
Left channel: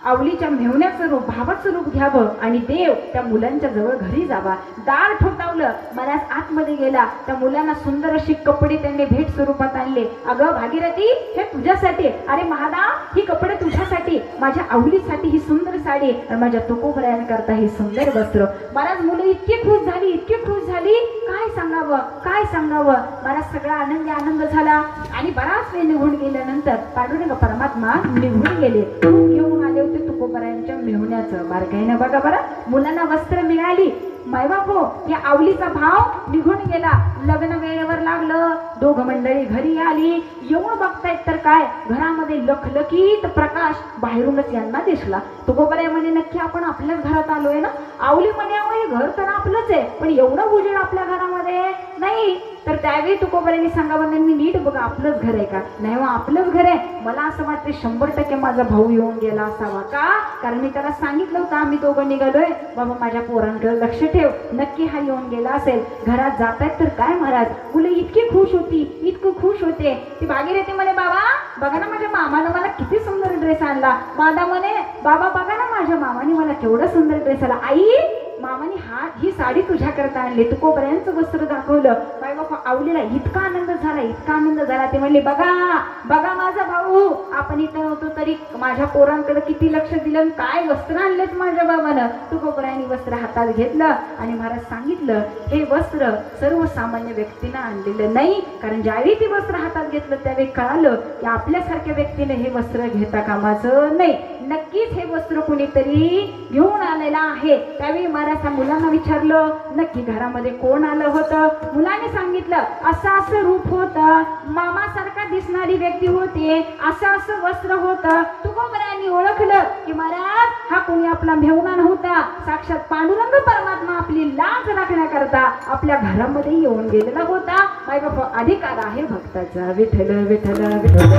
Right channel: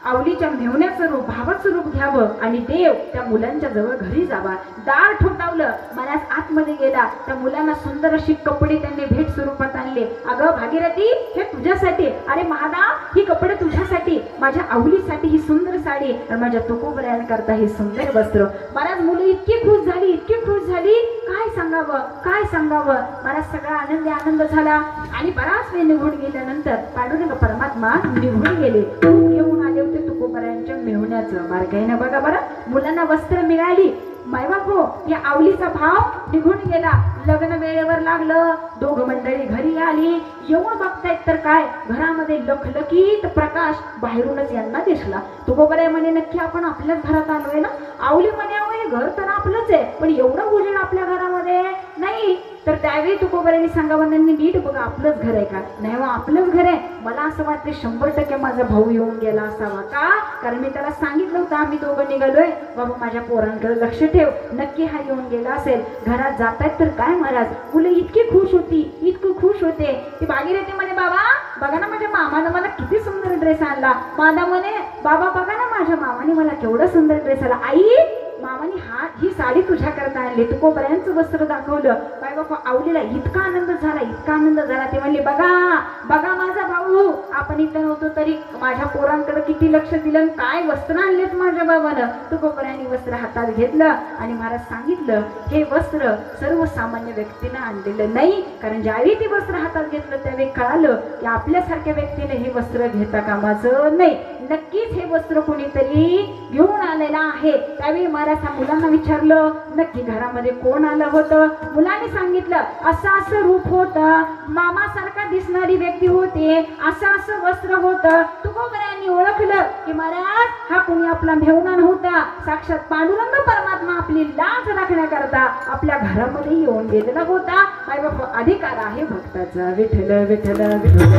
आवलीच्या मेहुण्याचं रूप भावाचं रूप घ्यावं आणि देव त्या मुलांच्या जवळ घरी जावा. दार ठोठावलं, महाराज आतमध्ये गेला. त्या मुलांना सुंदर अशी कपडे त्यांनी भेट स्वरूपात आणले. अगं भागीरथी, हे तुझ्यासाठी. अरे महादा, ही कपडे तुझ्यासाठी, माझ्या आवलीसाठी ही सुंदर साडी आणि माझ्या तुकोबरायांकरता हे सुंदर वस्त्र. महाराज मुलं इतकी खुश झाली, इतकी खुश झाली, काय सांगावं काय सांगावं. महाराज सगळा आनंदी आनंद झाला. आणि बराच वेळ निघून गेल्यानंतर पांडुरंग परमात्मा निघून गेले. येऊन आले होते तुकोबरायांच्या मेहुण्याचं. बारकाईनं बघा बरं, मुलांना वस्त्र मिळाली. मायबापो, या आवलीचा भाव निघून गेला. लग्न वेळेवर लागलं. दोघं मंडळी घरी आली. येऊन बघतायत तर काय, घरामध्ये लखलखीत प्रकाश बाहेरूनच यांना दिसला. तुकोबराय म्हणे, नक्की आपण आपल्याच घरात आलोय ना. आवली म्हणे, अहो घर तर आपलंच आहे, पण एवढं उजेड आपल्या घरामध्ये नाही. तर त्यावेळी तुकोबरायांनी सांगावं, मी नीट बघा, आपलंच घर आहे का. नाही हो, आपलंच घर आहे. मला असं वाटतं 100% माझा भाऊ येऊन गेला असावा. का, कारण मी त्याला सांगितलं होतं आम्ही दोघं निघालोय, बाबा माझ्या पोरांकडे लक्ष ठेव, नक्की हा येऊन गेला असेल. घरात जातायत तर काय महाराज, मुलं इतकी खुश होती, इतकं खुश होते. ती भागीरथी म्हणे, बाबा बघा ना, माझ्या मामानं मला किती सुंदर ड्रेस आणला. मादा म्हणे, बाबा बघा ना, माझ्या मामाने मला केवढा सुंदर ड्रेस आणला. आई, मामाने ही साडी तुझ्याकरता आणली. तुकोबरायांचं वस्त्र दाखवलं. बाई बाबा आवलीला इतका आनंद झाला, इतका आनंद झाला. ते म्हणले, बघा बघा माझा भाऊ, आपण इथं नव्हतो तरी माझ्या पोरांकडे किती लक्ष दिलं, काय वस्त्र आणलेत माझ्या बाबानं. तुकोबरायांनी वस्त्र हातात घेतलं आणि महाराज सांगितलं, हे वस्त्र सर्वसामान्य व्यक्तीनं आणलेलं नाही. कारण ज्यावेळी ते वस्त्र हातात घेतलं त्यावेळी कळालं की आपल्यासारख्या व्यक्तीने हे वस्त्र घेता कामाचं नाही. नक्कीच हे वस्त्र कोणीतरी घेऊन आलेलं आहे. त्यावेळी महाराज त्या मुलांना विचारलं, नक्की घरामध्ये कोण आलं होतं. मुलांनी सांगितलं, असं असं रूप होतं, मामासारखा दिसणारी व्यक्ती होती, असं असं वस्त्र होतं. तुकोबरायांनी ओळखलं की महाराज हा कोणी आपला मेहुणा नव्हता, साक्षात पांडुरंग परमात्मा आपली लाज राखण्याकरता आपल्या घरामध्ये येऊन गेलेला होता. माय बाबा, अधिकार आहे भक्ताचा. विठ्ठल विठ्ठल विठ्ठल.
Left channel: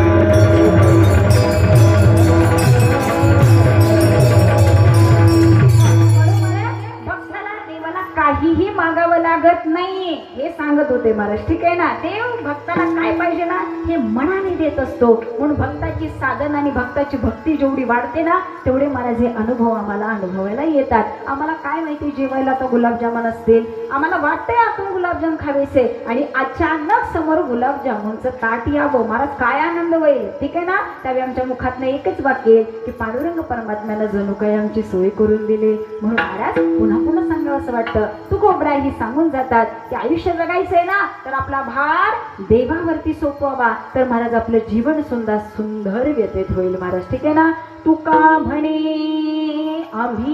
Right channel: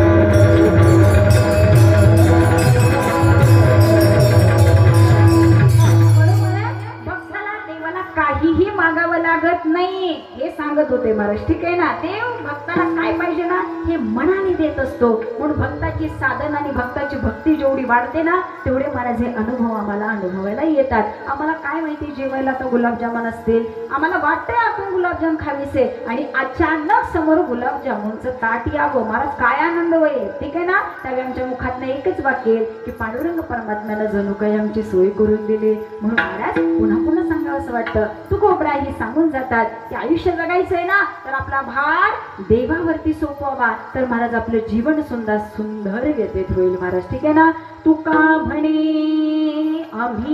काहीही मागावं लागत नाही हे सांगत होते महाराज. ठीक आहे ना, देव भक्ताला काय पाहिजे ना हे मनाने देत असतो. म्हणून भक्ताची साधन आणि भक्ताची भक्ती जेवढी वाढते ना तेवढे महाराज हे अनुभव आम्हाला अनुभवायला येतात. आम्हाला काय माहिती, जेवायला तर गुलाबजामुन असतील, आम्हाला वाटतंय आपण गुलाबजाम खावेसे आणि अचानक समोर गुलाबजामुनचं ताट यावं, महाराज काय आनंद होईल. ठीक आहे ना, त्यावेळी आमच्या मुखातनं एकच वाक्य येईल की पांडुरंग परमात्म्यानं जणू काही आमची सोय करून दिली. म्हणून महाराज पुन्हा पुन्हा सांगावं असं वाटतं. तुकोबराही सांगून जातात की आयुष्य जगायचंय ना तर आपला भार देवावरती सोपवावा, तर महाराज आपलं जीवन सुंदर सुंदर व्यतीत होईल महाराज. ठीक आहे ना. तुका म्हणे आम्ही,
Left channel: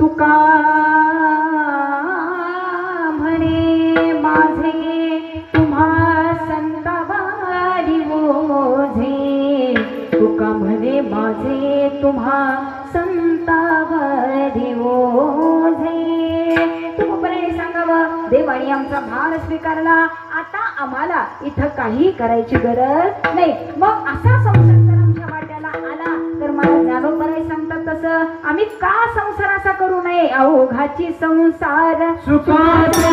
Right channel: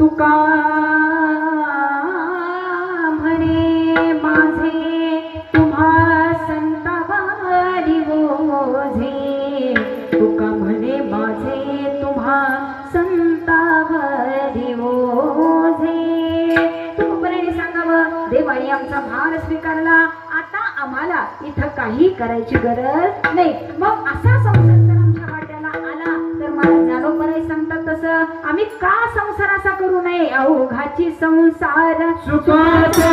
तुका म्हणे माझे तुम्हा संतावारी ओझे, तुका म्हणे माझे तुम्हा संतावारी ओझे. देवाने आमचा भार स्वीकारला, आता आम्हाला इथं काही करायची गरज नाही. मग असा संसार जर आमच्या वाट्याला आला तर मला ज्ञानोबराय सांगतात तसं आम्ही का संसार असा करू नये. अवघाची संसार सुखाचा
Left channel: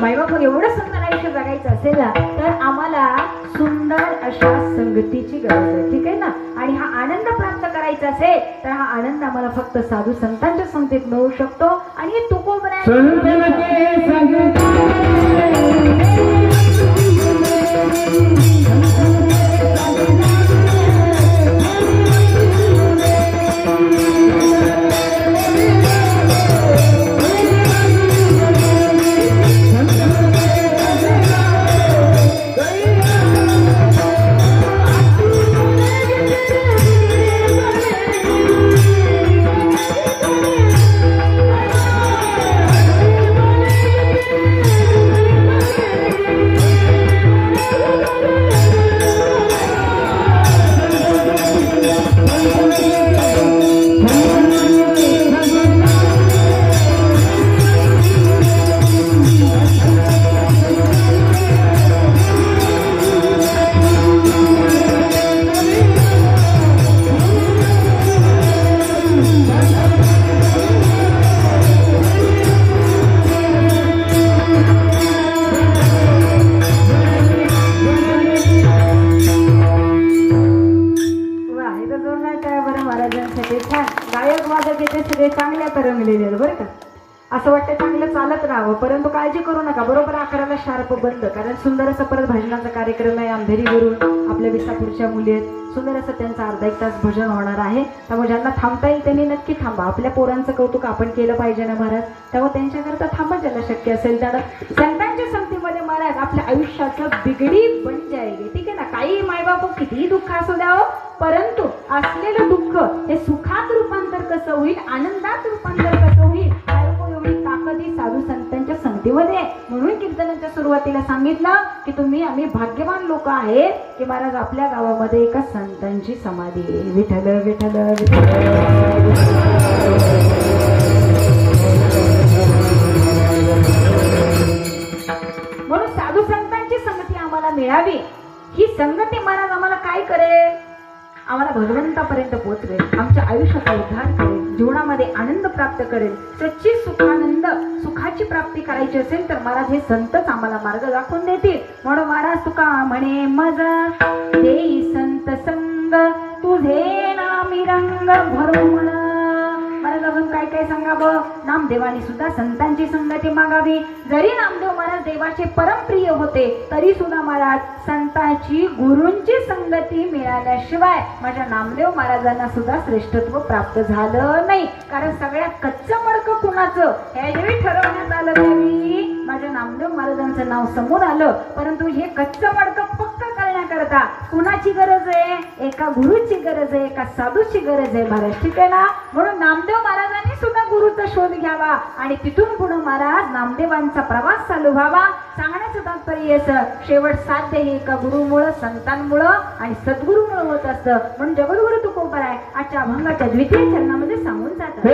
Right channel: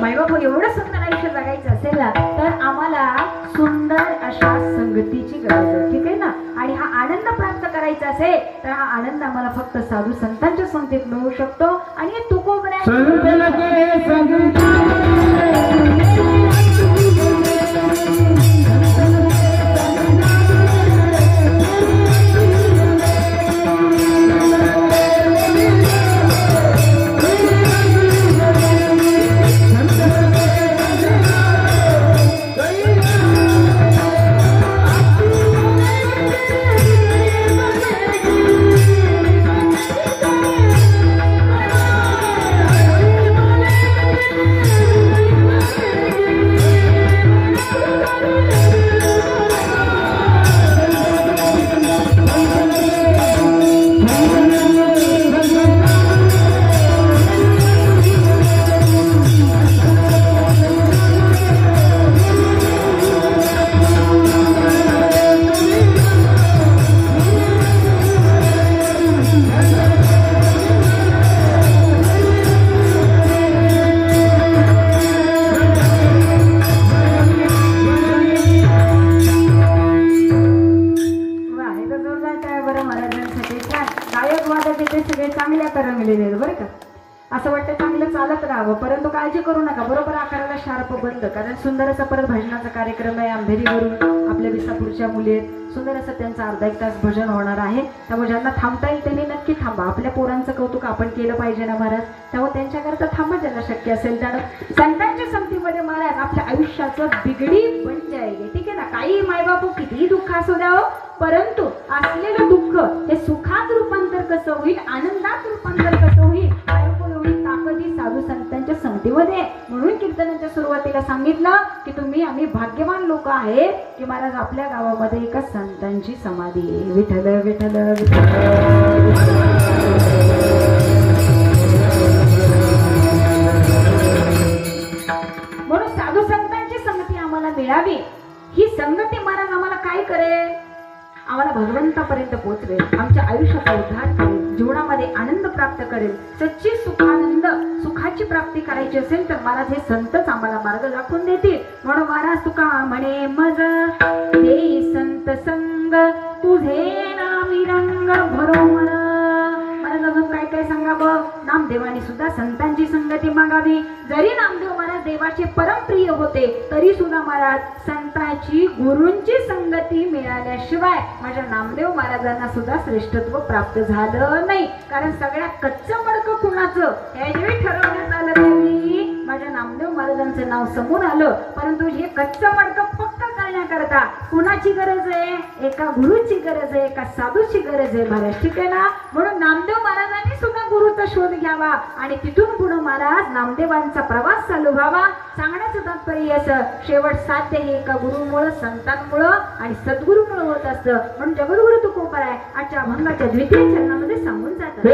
मायबाप एवढं सुंदर आयुष्य जगायचं असेल ना तर आम्हाला सुंदर अशा संगतीची गरज आहे, ठीक आहे ना. आणि हा आनंद प्राप्त करायचा असेल तर हा आनंद आम्हाला फक्त साधू संतांच्या संगतीत मिळू शकतो. आणि असं वाटतं चांगलं चालत राहावं, परंतु काळजी करू नका, बरोबर आकाराला शार्प बंद. कारण सुंदर असा परत भजनाचा कार्यक्रम आहे अंधेरीवरून आपल्या विसापूरच्या मुली आहेत. सुंदर असं त्यांचं अर्धा एक तास भजन होणार आहे. त्यामुळे ज्यांना थांबता येईल त्यांनी नक्की थांबा. आपल्या पोरांचं कौतुक आपण केलं पाहिजे ना महाराज, त्यामुळे त्यांच्याकरता थांबा ज्याला शक्य असेल त्याला. संतांच्या संगतीमध्ये महाराज आपल्या आयुष्याचं बिगडी बन जाईल, ठीक आहे ना. काही मायबाप कितीही दुःख असू द्यावं, परंतु असलेलं दुःख हे सुखात रूपांतर कसं होईल, आनंदात रूपांतर कसं होईल, ताकदी साधू संतांच्या संगतीमध्ये. म्हणून कीर्तनाच्या सुरुवातीला सांगितलं की आम्ही भाग्यवान लोक आहेत की महाराज आपल्या गावामध्ये एका संतांची समाधी आहे. विठ्ठल विठ्ठल म्हणून साधू संतांची संगती आम्हाला मिळावी. ही संगती महाराज आम्हाला काय करेल, आम्हाला भगवंतापर्यंत पोहोचवेल, आमच्या आयुष्याचा उद्धार करेल, जीवनामध्ये आनंद प्राप्त करेल. सच्ची सुखानंद सुखाची प्राप्ती करायची असेल तर महाराज हे संतच आम्हाला मार्ग दाखवून देतील. म्हणून महाराज तुका म्हणे मजा देई संत संग तुझे नामी रंग भरून. महाराज अजून काय काय सांगावं, नामदेवानी सुद्धा संतांची संगती मागावी. जरी नामदेव महाराज देवाचे परमप्रिय होते तरी सुद्धा महाराज संतांची गुरूंची संगती मिळाल्याशिवाय माझ्या नामदेव महाराजांना सुद्धा श्रेष्ठत्व प्राप्त झालं नाही. कारण सगळ्यात कच्चं मडकं कुणाचं हे ठरवण्यात आलं त्यावेळी माझ्या नामदेव महाराजांचं नाव समोर आलं. परंतु हे कच्चं मडकं पक्क करण्याकरता कुणाची गरज आहे, एका गुरुची गरज आहे, एका साधूची गरज आहे महाराज, ठीक आहे ना. म्हणून नामदेव महाराजांनी सुद्धा गुरुचा शोध घ्यावा आणि तिथून पुढे महाराज नामदेवांचा प्रवास चालू व्हावा. सांगण्याचं तात्पर्य असं, शेवट साध्य हे एका गुरुमुळं, संतांमुळं आणि सद्गुरूमुळं होत असतं. म्हणून जगद्गुरु तुकोबर आहे आजच्या अभंगाच्या द्वितीय चरणामध्ये सांगून जातात.